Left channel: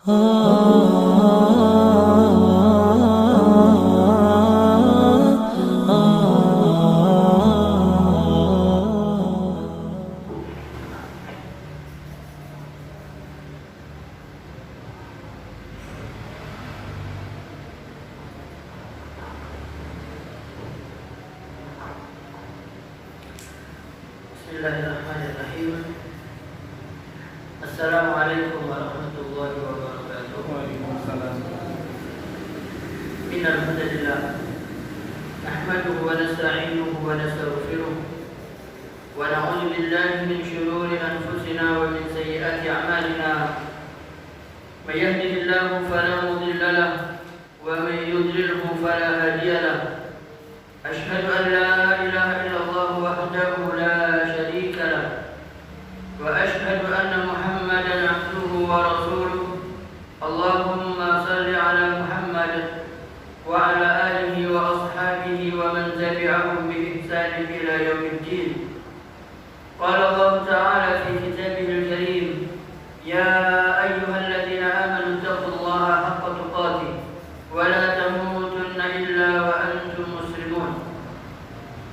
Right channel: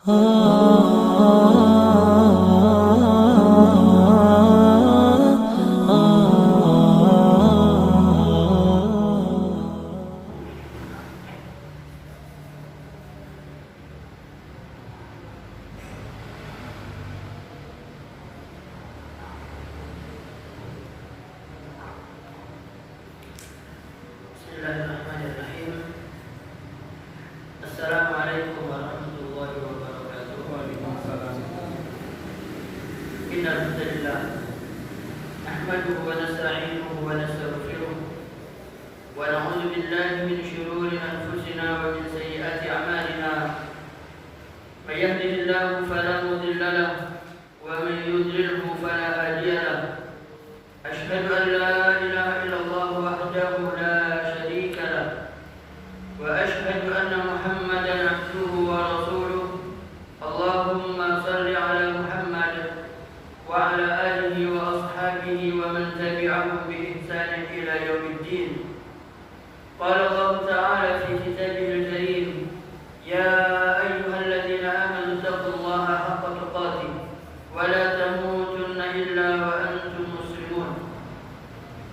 Bismillahirrahmanirrahim. Assalamualaikum warahmatullahi wabarakatuh. Waalaikumsalam. Innal hamdalillah nahmaduhu wa nasta'inuhu wa nastaghfiruh wa na'udzu billahi min shururi anfusina wa min sayyiati a'malina. May yahdihillahu fala mudilla lahu wa man yudlilhu fala hadiya lahu. Ashhadu an la ilaha illallah wahdahu la syarika lahu wa ashhadu anna Muhammadan abduhu wa rasuluh. Allahumma salli ala Muhammad wa ala alihi wa ashabihi wa man tabi'ahum bi ihsan ila yaumiddin. Qala Allah ta'ala fi kitabihil karim, ya ayyuhalladzina amanu taqullaha haqqa tuqatih wa la tamutunna illa wa antum muslimun.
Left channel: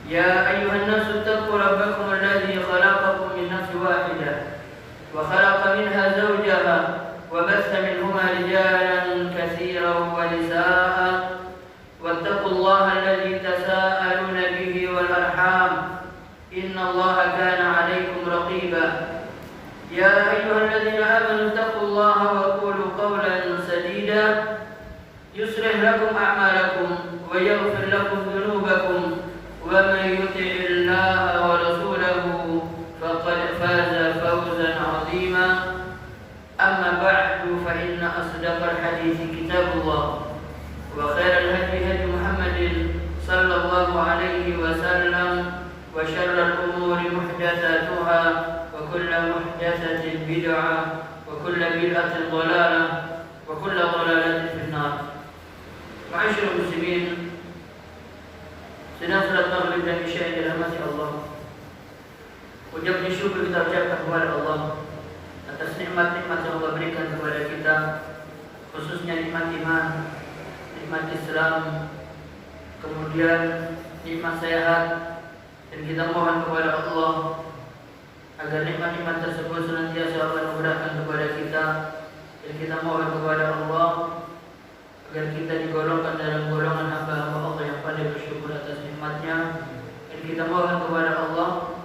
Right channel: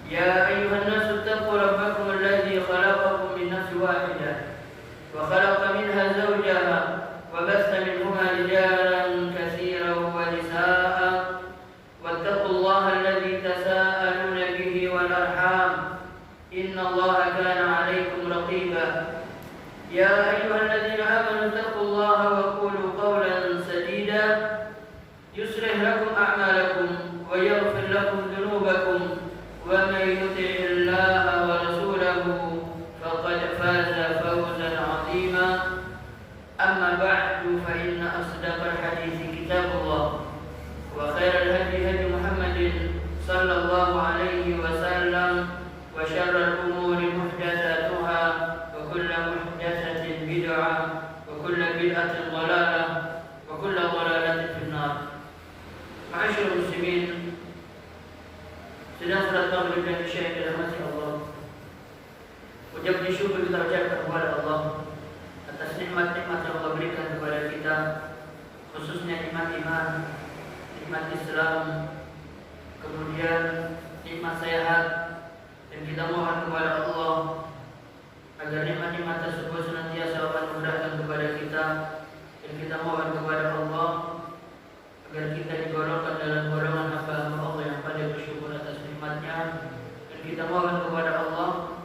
Ya ayyuhan nasu taqu rabbakum alladzi khalaqakum min nafsin wahidah wa khalaqa minha zawjaha wa batha minhuma rijalan katsiran wa nisaa'a wattaqullaha alladzi tasaaluna bihi wal arham innallaha kana 'alaykum raqiba. Ya ayyuhalladzina amanu taqullaha wa qulu qawlan sadida yuslih lakum a'malakum wa yaghfir lakum dhunubakum wa man yuti'illaha wa rasulahu faqad faza fawzan 'azima. Amma ba'du, fa inna asdaqal hadithi kitabullah wa khairal hadi hadi Muhammadin sallallahu alaihi wasallam wa syarrul umuri muhdatsatuha wa kullu muhdatsatin bid'ah wa kullu bid'atin dhalalah wa kullu dhalalatin finnar. Ma'asyiral muslimin, sedang salat maghrib dan isya yang dirahmati Allah. Ucap syukur kita ucapkan kepada Allah atas nikmat-nikmat yang Allah berikan kepada kita, khususnya nikmat iman, nikmat Islam, kemudian nikmat sehat, dan kita mohon kepada Allah agar nikmat-nikmat tersebut senantiasa Allah mudahkan kepada kita, dan kita mohon kepada Allah agar kita digolongkan dalam golongan hamba-hamba Allah yang pandai bersyukur atas nikmatnya, dan kita mohon kepada Allah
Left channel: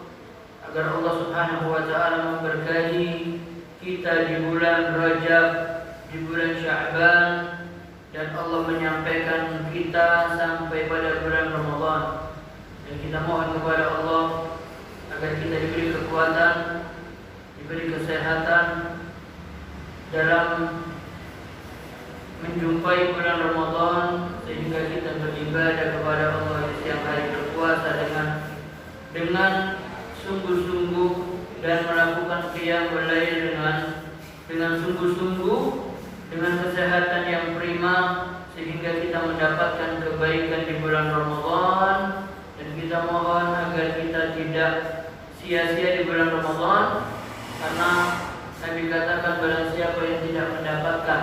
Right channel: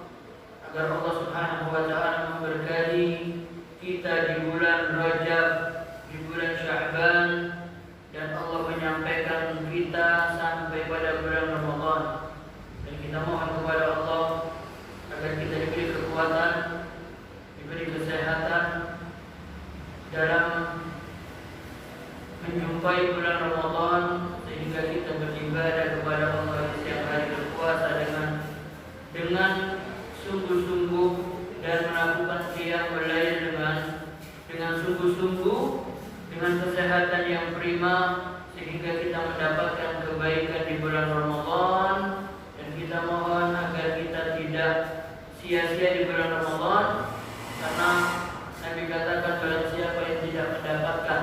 agar Allah Subhanahu wa ta'ala memberkahi kita di bulan Rajab, di bulan Sya'ban, dan Allah menyampaikan kita sampai pada bulan Ramadan. Dan kita mohon kepada Allah agar kita diberi kekuatan, diberi kesehatan dalam menjumpai bulan Ramadan, sehingga kita beribadah kepada Allah di setiap hari berpuasa dengan sungguh-sungguh dan melakukan qiyamul lail dengan sungguh-sungguh, dengan kesehatan yang prima, sehingga kita mendapatkan kebaikan di bulan Ramadan. Dan kita mohon agar kita tidak sia-sia di bulan Ramadan, karena Nabi katakan barang siapa yang tidak mendapatkan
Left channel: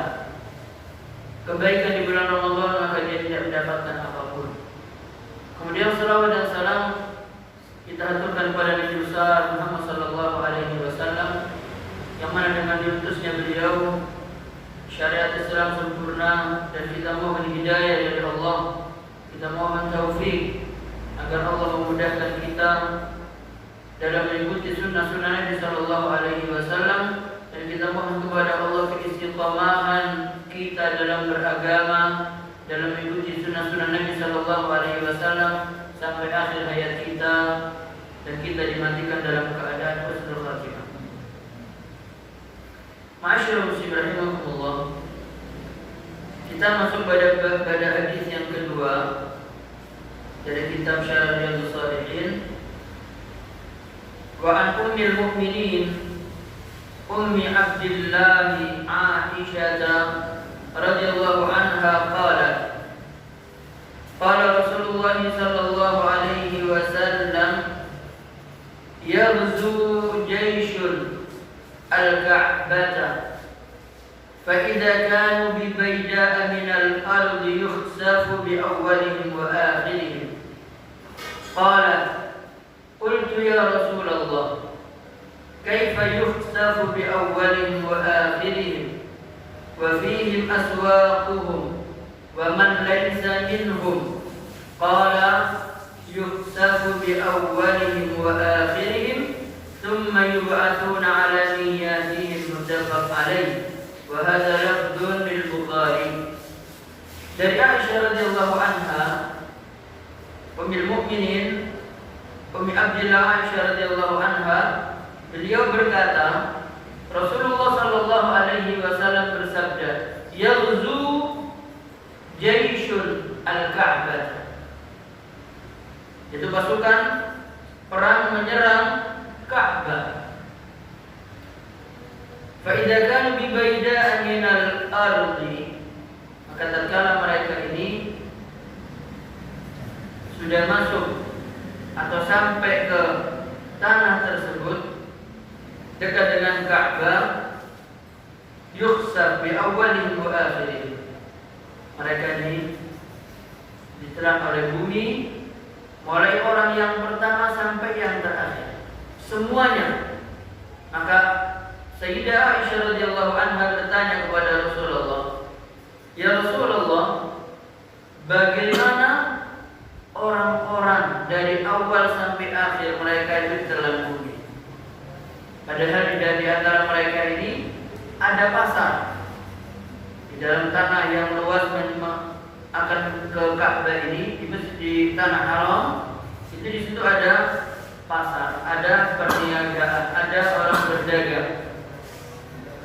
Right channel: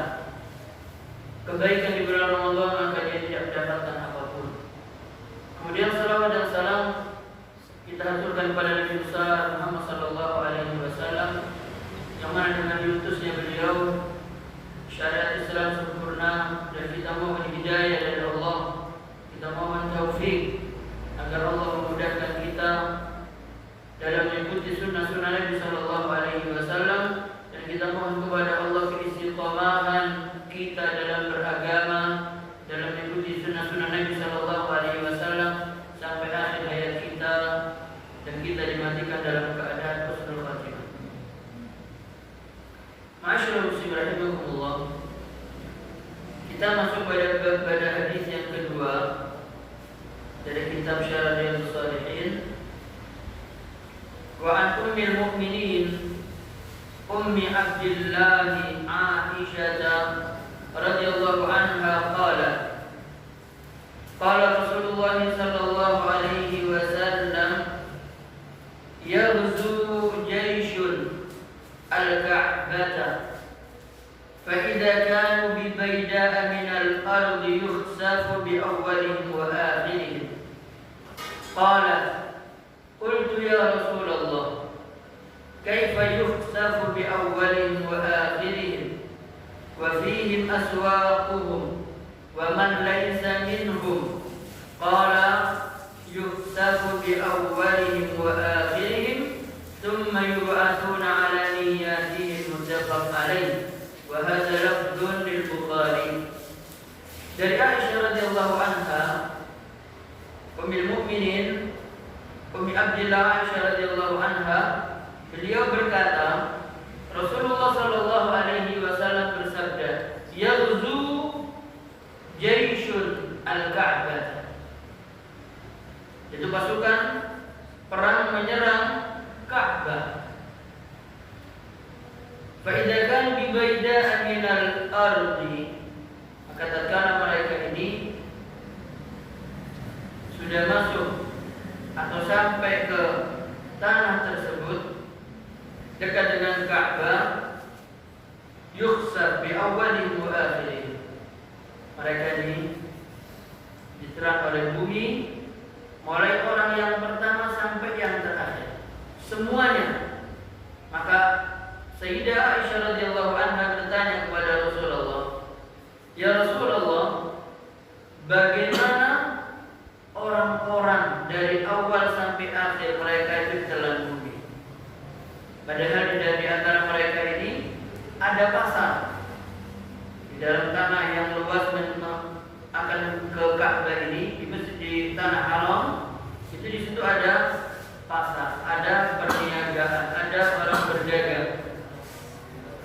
kebaikan di bulan Ramadan, maka dia tidak mendapatkan apapun. Kemudian salawat dan salam kita aturkan kepada Nabi besar Muhammad sallallahu alaihi wasallam, yang mana dengan diutusnya beliau syariat Islam sempurna, dan kita mohon hidayah dari Allah, kita mohon taufik agar Allah memudahkan kita dalam mengikuti sunnah-sunnah Nabi sallallahu alaihi wasallam, dan kita mohon kepada Allah keistiqamahan kita dalam beragama, dalam mengikuti sunnah-sunnah Nabi sallallahu alaihi wasallam sampai akhir hayat kita, dan kita dimatikan dalam keadaan husnul khatimah. Ma'asyiral muslimin rahimakumullah, kita masuk pada hadis yang kedua dari kitab Syarah Riyadhus Shalihin. Wa an ummil mu'minin ummi Abdillah Aisyah radhiyallahu anha qalat qala Rasulullah sallallahu alaihi wasallam yaghzu jayshun al-Ka'bata فإذا كانوا ببيداء من الأرض يخسف بأولهم وآخرهم. قال قلت يا رسول الله كيف يخسف بأولهم وآخرهم وفيهم أسواقهم ومن ليس منهم؟ قال يخسف بأولهم وآخرهم ثم يبعثون على نياتهم. متفق عليه. وهذا لفظ للبخاري. Dari Aisyah radhiyallahu anha, Ummul Mukminin, Ummi Abdillah Aisyah radhiyallahu anha, beliau berkata, Rasulullah sallallahu alaihi wasallam bersabda, "Yaghzu jayshun al-Ka'bah." Itu pasukan perang menyerang Ka'bah. Fa idza kanu bi bayda'a min al-ardi, maka tatkala mereka ini sudah masuk atau sampai ke tanah tersebut dekat dengan Ka'bah, yukhsaf bi awwalihim wa akhirihim. Mereka ini ditelan oleh bumi, mulai orang yang pertama sampai yang terakhir, semuanya. Maka Sayyidah Aisyah radhiyallahu anha bertanya kepada Rasulullah, "Ya Rasulullah, bagaimana orang-orang dari awal sampai akhir mereka itu ditelan bumi? Padahal di antara mereka ini ada pasar di dalam tanah yang luas akan ke Ka'bah ini, di tanah haram itu, di situ ada pasar, ada perniagaan, ada orang berdagang."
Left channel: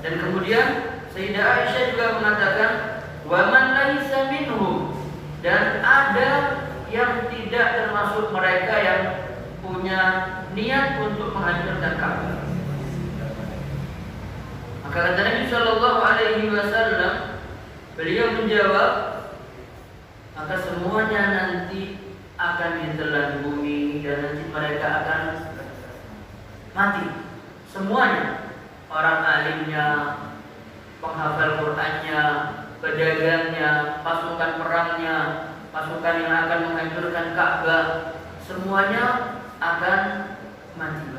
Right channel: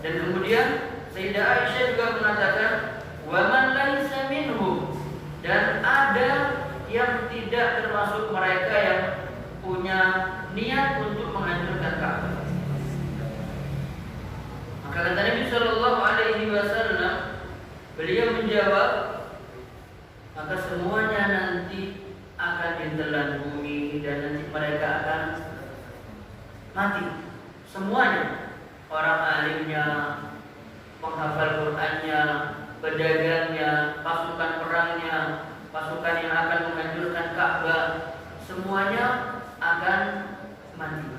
Dan kemudian Sayyidah Aisyah juga mengatakan, "Wa man laisa minhum," dan ada yang tidak termasuk mereka yang punya niat untuk menghancurkan Ka'bah. Maka kata Nabi sallallahu alaihi wasallam, beliau menjawab, maka semuanya nanti akan ditelan bumi dan nanti mereka akan mati. Semuanya, orang alimnya, penghafal Qur'annya, pedagangnya, pasukan perangnya, pasukan yang akan menghancurkan Ka'bah, semuanya akan mati.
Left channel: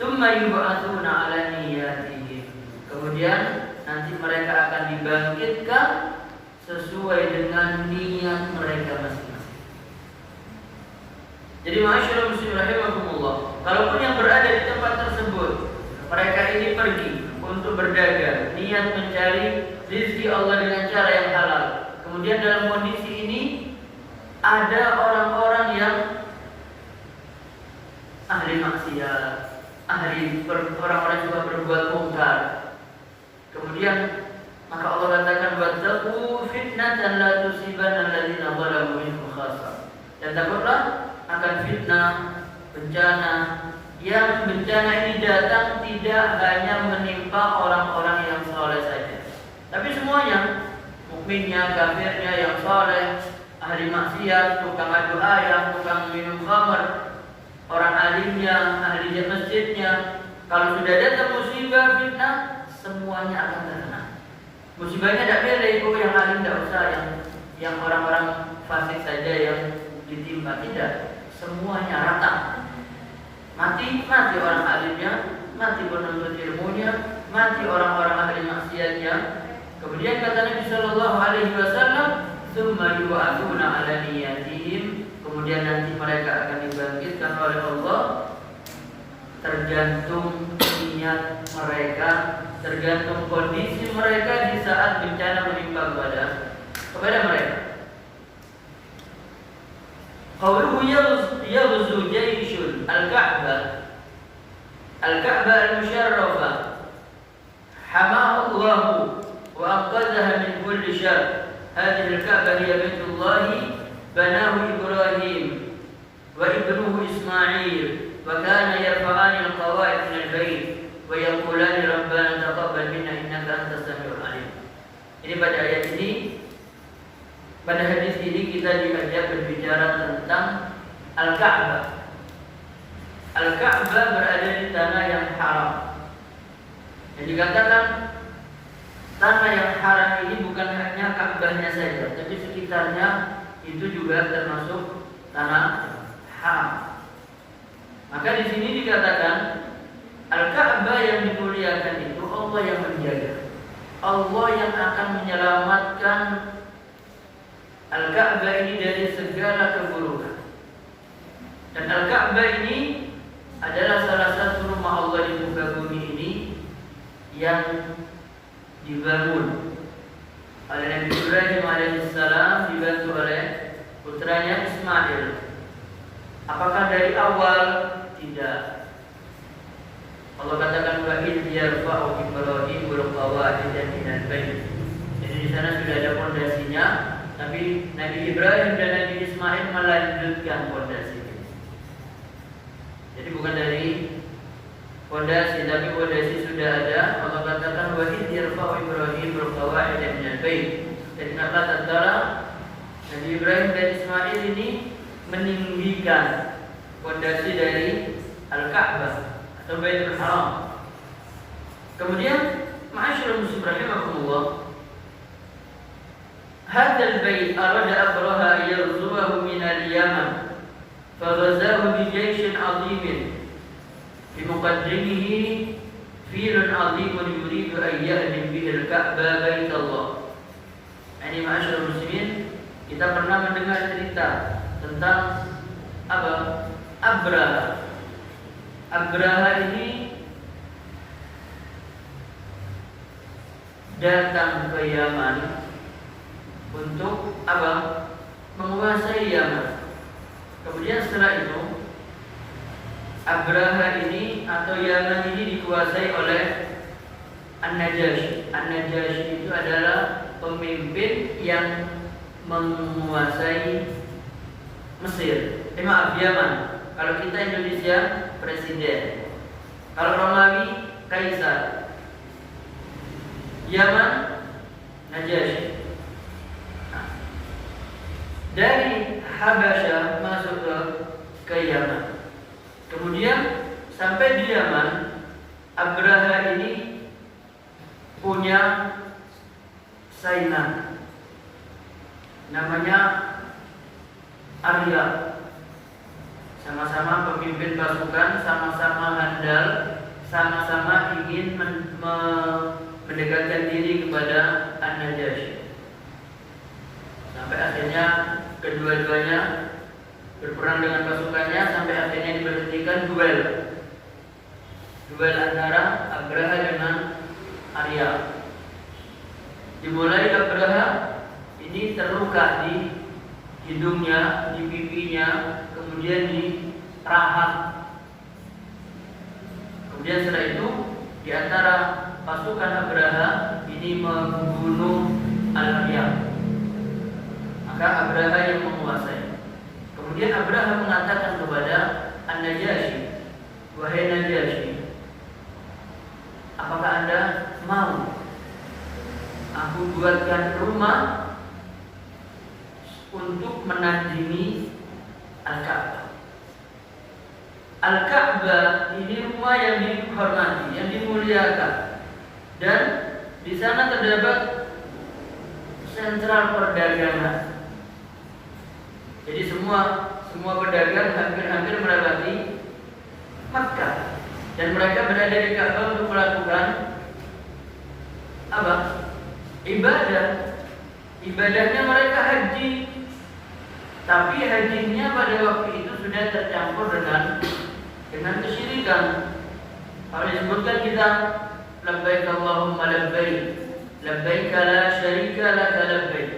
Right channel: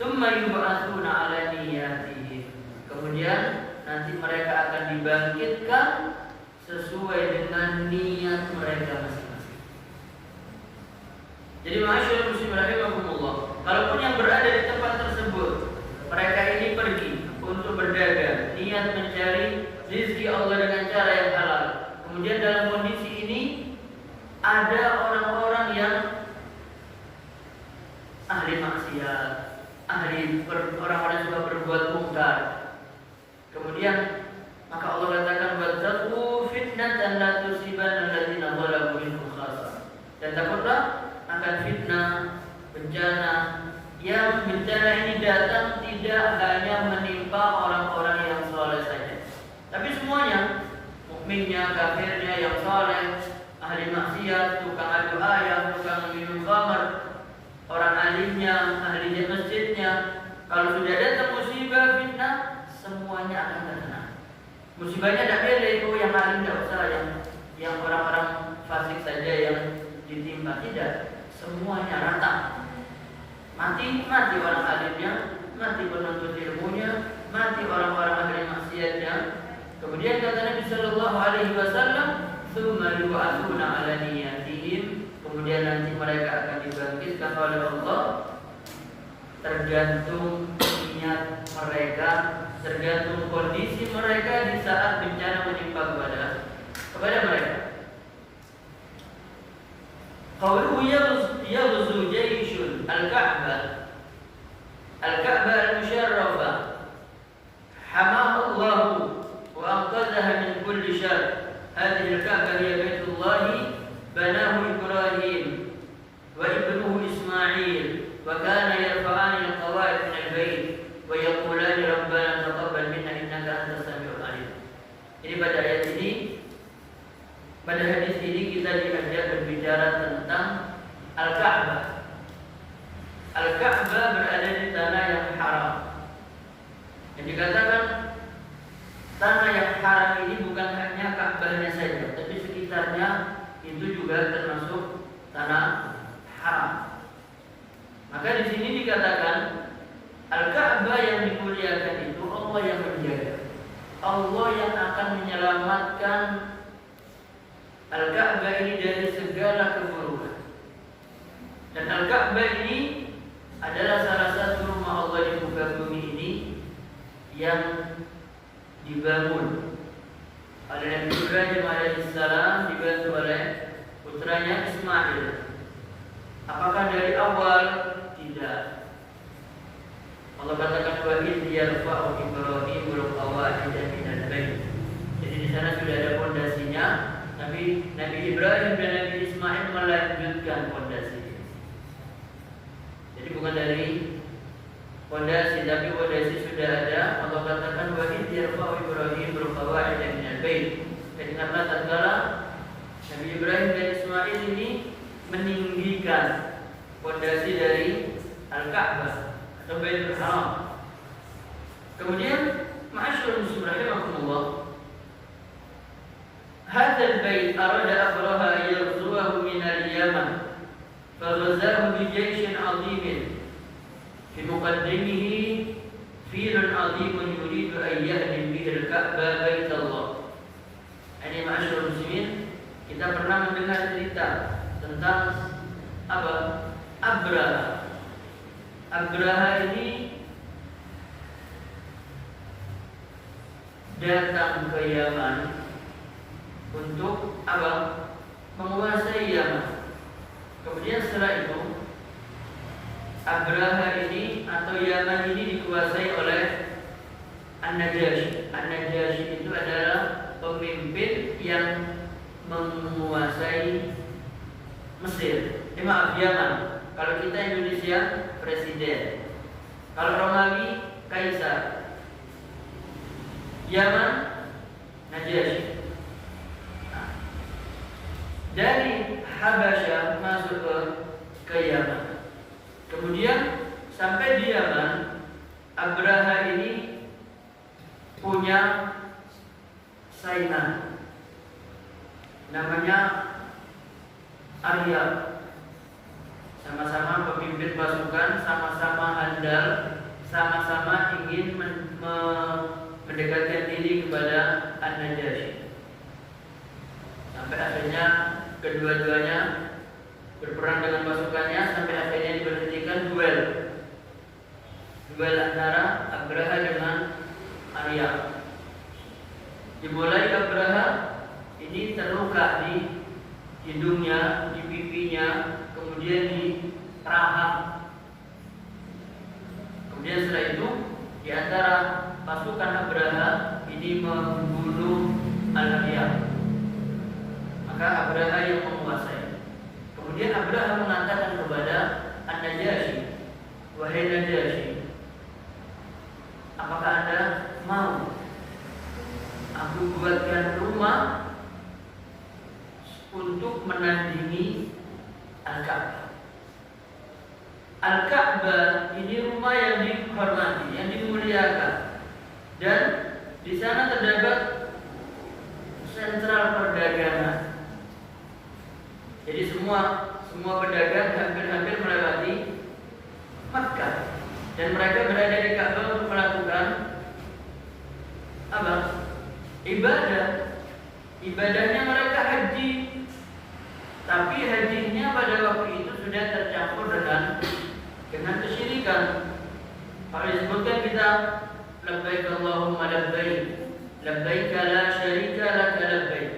Tsumma yub'atsuna 'ala niyyatihim. Kemudian nanti mereka akan dibangkitkan sesuai dengan niat mereka masing-masing. Jadi ma'asyiral muslimin rahimakumullah, kalaupun yang berada di tempat tersebut, mereka ini pergi untuk berdagang, niat mencari rezeki Allah dengan cara yang halal. Kemudian dalam kondisi ini ada orang-orang yang ahli maksiat, orang-orang yang juga berbuat mungkar. Kemudian maka Allah katakan, "Wattaqu fitnatan la tusibanna alladziina zalamu minkum khassah." Dan takutlah akan fitnah, bencana, yang bencana ini datang tidak hanya menimpa orang-orang yang saleh saja, tapi semuanya, mukminnya, kafirnya, yang saleh, ahli maksiat, tukang adu ayam, tukang minum khamar, orang alimnya, ahli masjidnya. Kalau sudah datang musibah, fitnah, semuanya akan terkena. Musibahnya tidak beda, itu yang alim tidak usah, yang orang-orang fasik saja yang ditimpa, tidak. Semuanya rata. Mati orang alimnya, mati penuntut ilmunya, mati orang-orang ahli maksiatnya. Kemudian kata Nabi sallallahu alaihi wasallam, "Tsumma yub'atsuna 'ala niyyatihim." Kemudian nanti mereka akan dibangkitkan oleh Allah, tergantung niat mereka, tergantung kondisi mereka di saat bencana menimpa kepada mereka. Qawluhu yaghzu jayshun al-Ka'bah. Al-Ka'bah al-musharrafah hamaha Allah wa anqadhaha min kulli syarr. Hadhihi al-Ka'bah hiya baitullah banahu Ibrahim wa ibnuhu Ismail wa kana yarfa'ani al-qawa'id min al-bait wa yaqulani rabbana taqabbal minna innaka antas samiul 'alim. Ini pada ayat ini, pada hadis ini kita diajak berbicara tentang Al-Ka'bah. Al-Ka'bah berada di tanah yang haram. Yang dikatakan tanah sekitarnya itu juga termasuk tanah haram. Maka di sini dikatakan Al-Ka'bah yang dimuliakan itu Allah yang menjaga. Allah yang akan menyelamatkan Al-Ka'bah ini dari segala keburukan. Dan Al-Ka'bah ini adalah salah satu rumah Allah di muka bumi ini yang dibangun oleh Nabi Ibrahim alaihissalam, dibantu oleh putranya Ismail. Apakah dari awal? Tidak. Allah katakan wa idh yarfa'u Ibrahimul qawa'ida minal bait. Jadi di sana sudah ada fondasinya. Nabi Ibrahim dan Nabi Ismail melanjutkan fondasi. Jadi bukan dari fondasi, tapi fondasi sudah ada. Allah katakan wa idh yarfa'u Ibrahimul qawa'ida minal bait. Jadi kenapa tatkala Nabi Ibrahim dan Ismail ini meninggikan fondasi dari Al-Ka'bah atau Baitul Haram. Kemudian ma'asyiral muslimin rahimakumullah, hadzal bait arada Abraha yarzuhu min al-Yaman faghazahu bi jayshin 'azimin fi muqaddimihi filun 'azimun yuridu an yahdim bihi al-Ka'bah baitullah. Ini ma'asyiral muslimin, kita pernah mendengar cerita tentang apa? Abraha. Abraha ini datang ke Yaman untuk apa? Menguasai Yaman. Kemudian setelah itu Abraha ini atau Yaman ini dikuasai oleh An-Najasyi. An-Najasyi itu adalah pemimpin yang menguasai Mesir. Yaman. Kalau kita Indonesia presiden. Kalau Romawi kaisar. Yaman Najasyi. Dari Habasyah masuk ke Yaman. Kemudian sampai di Yaman, Abraha ini punya saingan namanya Arya. Sama-sama pemimpin pasukan, sama-sama handal, sama-sama ingin mendekatkan diri kepada An-Najasyi. Sampai akhirnya kedua-duanya berperang dengan pasukannya, sampai akhirnya diberhentikan duel antara Abraha dengan Arya. Dimulai Abraha ini terluka di hidungnya, di pipinya, kemudian di rahang. Kemudian setelah itu di antara pasukan Abraha ini membunuh Al-Arya. Maka Abraha yang menguasai. Kemudian Abraha mengatakan kepada An-Najasyi, wahai Najasyi, apakah Anda mau aku buatkan rumah untuk menandingi Al-Ka'bah? Al-Ka'bah ini rumah yang dihormati, yang dimuliakan, dan di sana terdapat sentral perdagangan. Jadi semua pedagang hampir melewati Makkah, dan mereka berada di Ka'bah untuk melakukan apa? Ibadah. Ibadahnya mereka haji. Tapi hajinya pada waktu itu sudah tercampur dengan kesyirikan. Kalau disebutkan kita labbaik Allahumma labbaik, labbaik la syarika laka labbaik.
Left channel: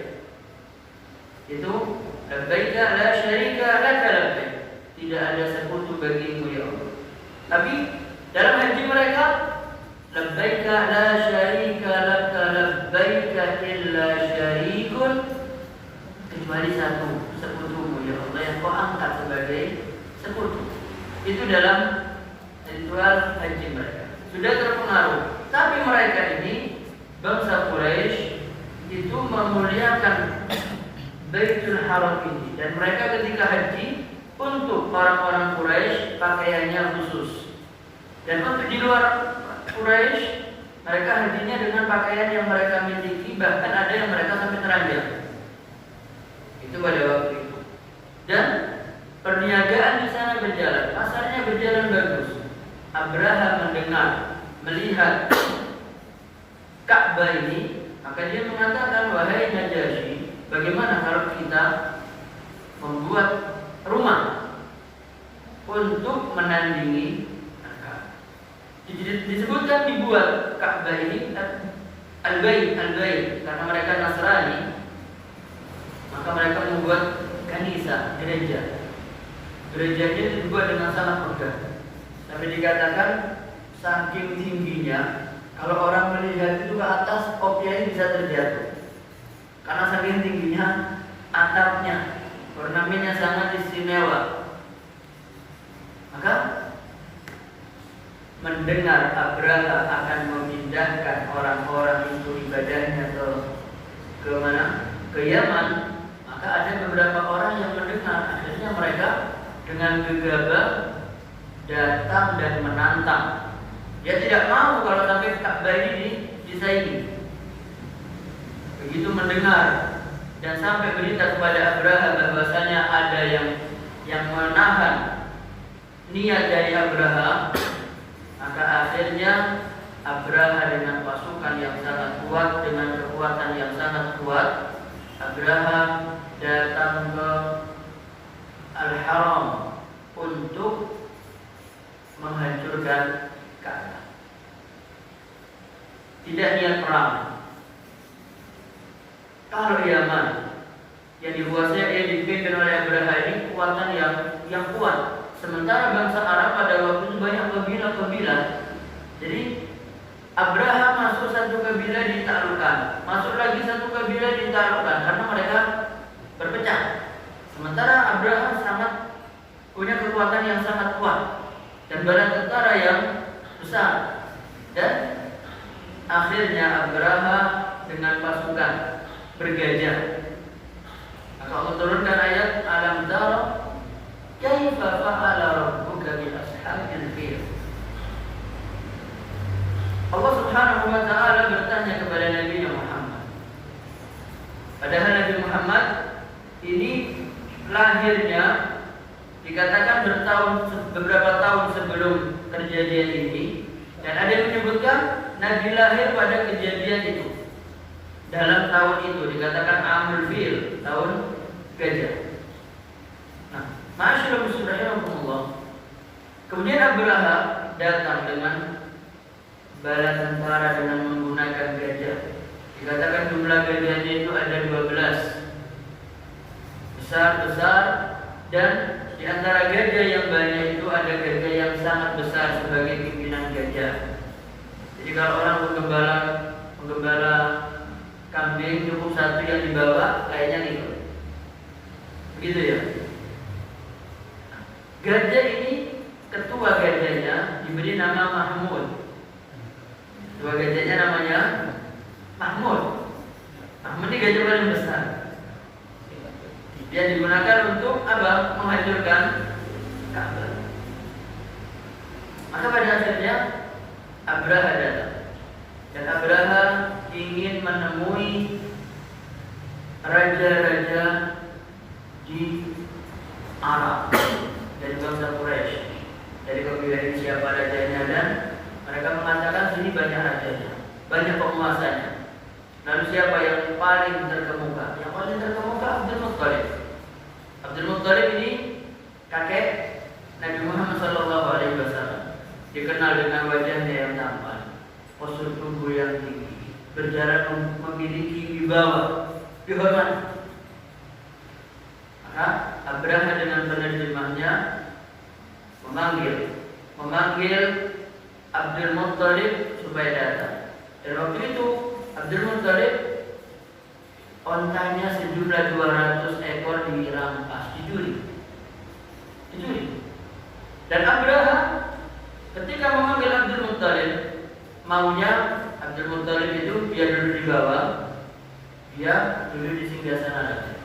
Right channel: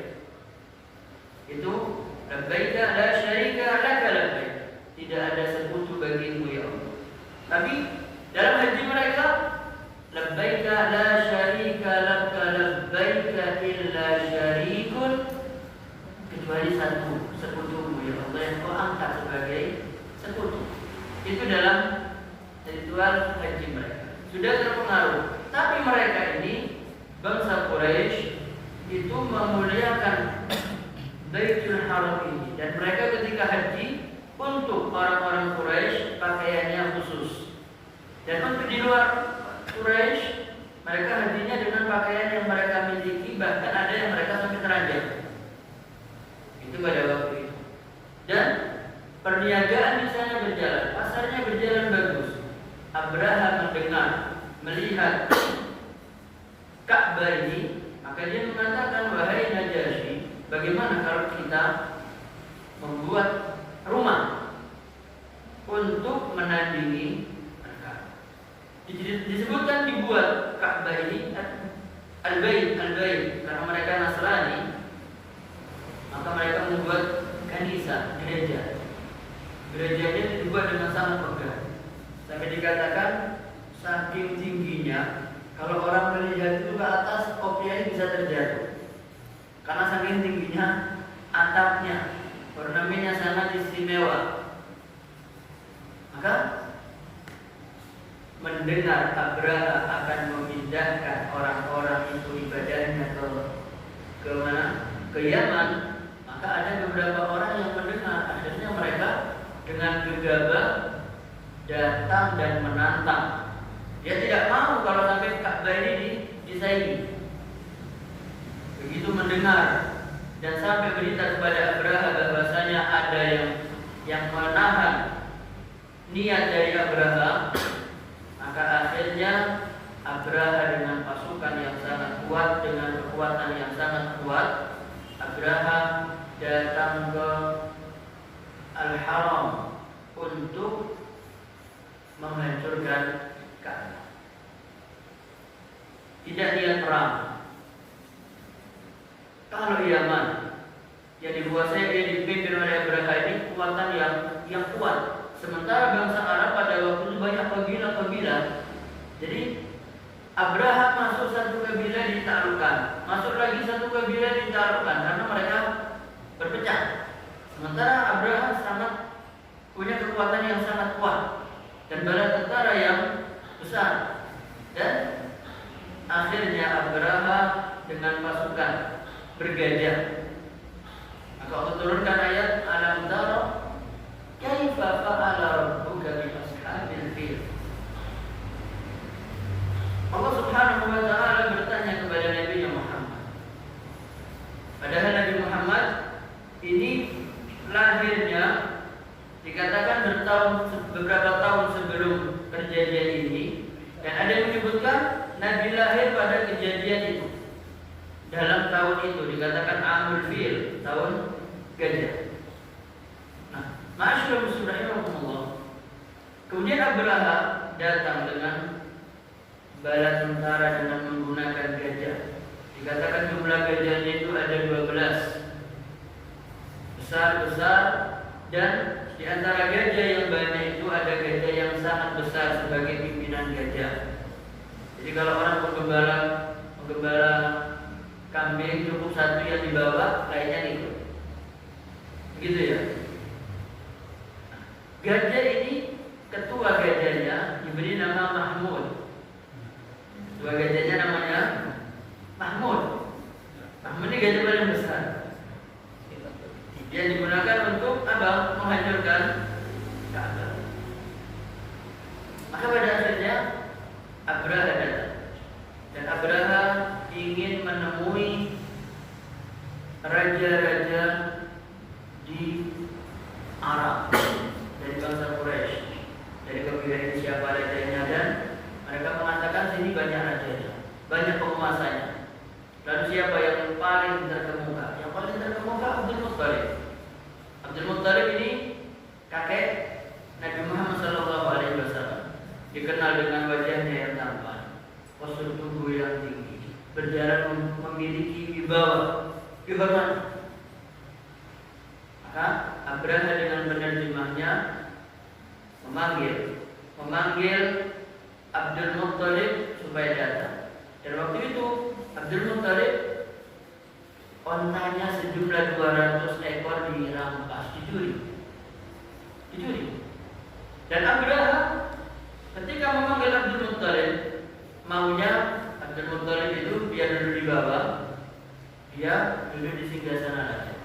Itu labbaik la syarika laka labbaik. Tidak ada sekutu bagimu ya Allah. Tapi dalam haji mereka labbaik la syarika laka labbaik illa syarikun, kecuali satu sekutumu ya Allah yang kau angkat sebagai sekutu. Itu dalam ritual haji mereka. Sudah terpengaruh. Tapi mereka ini bangsa Quraisy itu memuliakan Baitul Haram ini, dan mereka ketika haji untuk orang-orang Quraisy pakaiannya khusus, dan untuk di luar Quraisy mereka hajinya dengan pakaian yang mereka miliki, bahkan ada yang mereka sampai teranjang. Abraha mendengar, melihat Ka'bah ini, maka dia mengatakan, wahai Najasyi, bagaimana kalau kita membuat rumah untuk menandingi Ka'bah? Disebutkan dibuat Ka'bah ini Al-Bait, karena mereka Nasrani, maka mereka membuat kanisa, gereja. Gerejanya dibuat dengan sangat megah. Sampai dikatakan saking tingginya, kalau orang melihat itu ke atas, kopiahnya bisa terjatuh. Karena saking tingginya atapnya, ornamennya sangat istimewa. Maka mendengar Abraha akan memindahkan orang-orang itu ibadahnya ke mana? Ke Yaman, maka ada beberapa orang yang mendengar. Akhirnya mereka dengan gegabah datang dan menantang. Dia tidak mau kalau sampai Ka'bah ini disaingi. Begitu mendengar dan sampai berita kepada Abraha bahwasanya ada yang menahan niat dari Abraha, maka akhirnya Abraha dengan pasukan yang sangat kuat, dengan kekuatan yang sangat kuat, Abraha datang ke Al-Haram untuk menghancurkan Ka'bah. Tidak niat perang. Kalau Yaman yang dikuasai, yang dipimpin oleh Abraha ini kekuatan yang kuat. Sementara bangsa Arab pada waktu itu banyak kabilah-kabilah. Jadi Abraha masuk satu kabilah ditaklukkan, masuk lagi satu kabilah ditaklukkan karena mereka berpecah. Sementara Abraha sangat punya kekuatan yang sangat kuat dan bala tentara yang besar. Dan akhirnya Abraha dengan pasukan bergajah. Maka Allah turunkan ayat Alam tara kaifa fa'ala rabbuka bi ashabil fil. Allah Subhanahu wa taala bertanya kepada Nabi Muhammad. Padahal Nabi Muhammad ini lahirnya dikatakan beberapa tahun sebelum kejadian ini, dan ada yang menyebutkan Nabi lahir pada kejadian itu. Dalam tahun itu dikatakan Amul Fil, tahun gajah. Nah, ma'asyiral muslimin rahimakumullah. Kemudian Abraha datang dengan bala tentara dengan menggunakan gajah. Dikatakan jumlah gajahnya itu ada 12. Besar-besar, dan di antara gajah yang banyak itu ada gajah yang sangat besar sebagai pimpinan gajah. Jadi kalau orang menggembala kambing cukup satu yang dibawa, kayaknya ikut. Begitu ya. Gajah ini, ketua gajahnya diberi nama Mahmud. Ketua gajahnya namanya Mahmud. Mahmud ini gajah paling besar. Dia digunakan untuk apa? Menghancurkan Ka'bah. Maka pada akhirnya Abraha datang. Dan Abraha ingin menemui raja-raja di Arab dari bangsa Quraisy, dari kabilah siapa rajanya, dan mereka mengatakan sini banyak rajanya, banyak penguasanya. Lalu siapa yang paling terkemuka? Yang paling terkemuka Abdul Muttalib. Abdul Muttalib ini kakek Nabi Muhammad SAW, dikenal dengan wajahnya yang tampan, postur tubuh yang tinggi, berjarak memiliki wibawa, kehormatan. Maka Abraha dengan penerjemahnya memanggil Abdul Muttalib supaya datang. Dan waktu itu Abdul Muttalib ontanya sejumlah 200 ekor dirampas, dicuri. Dan Abraha ketika memanggil Abdul Muttalib, maunya Abdul Muttalib itu dia duduk di bawah, dia duduk di singgasana lagi.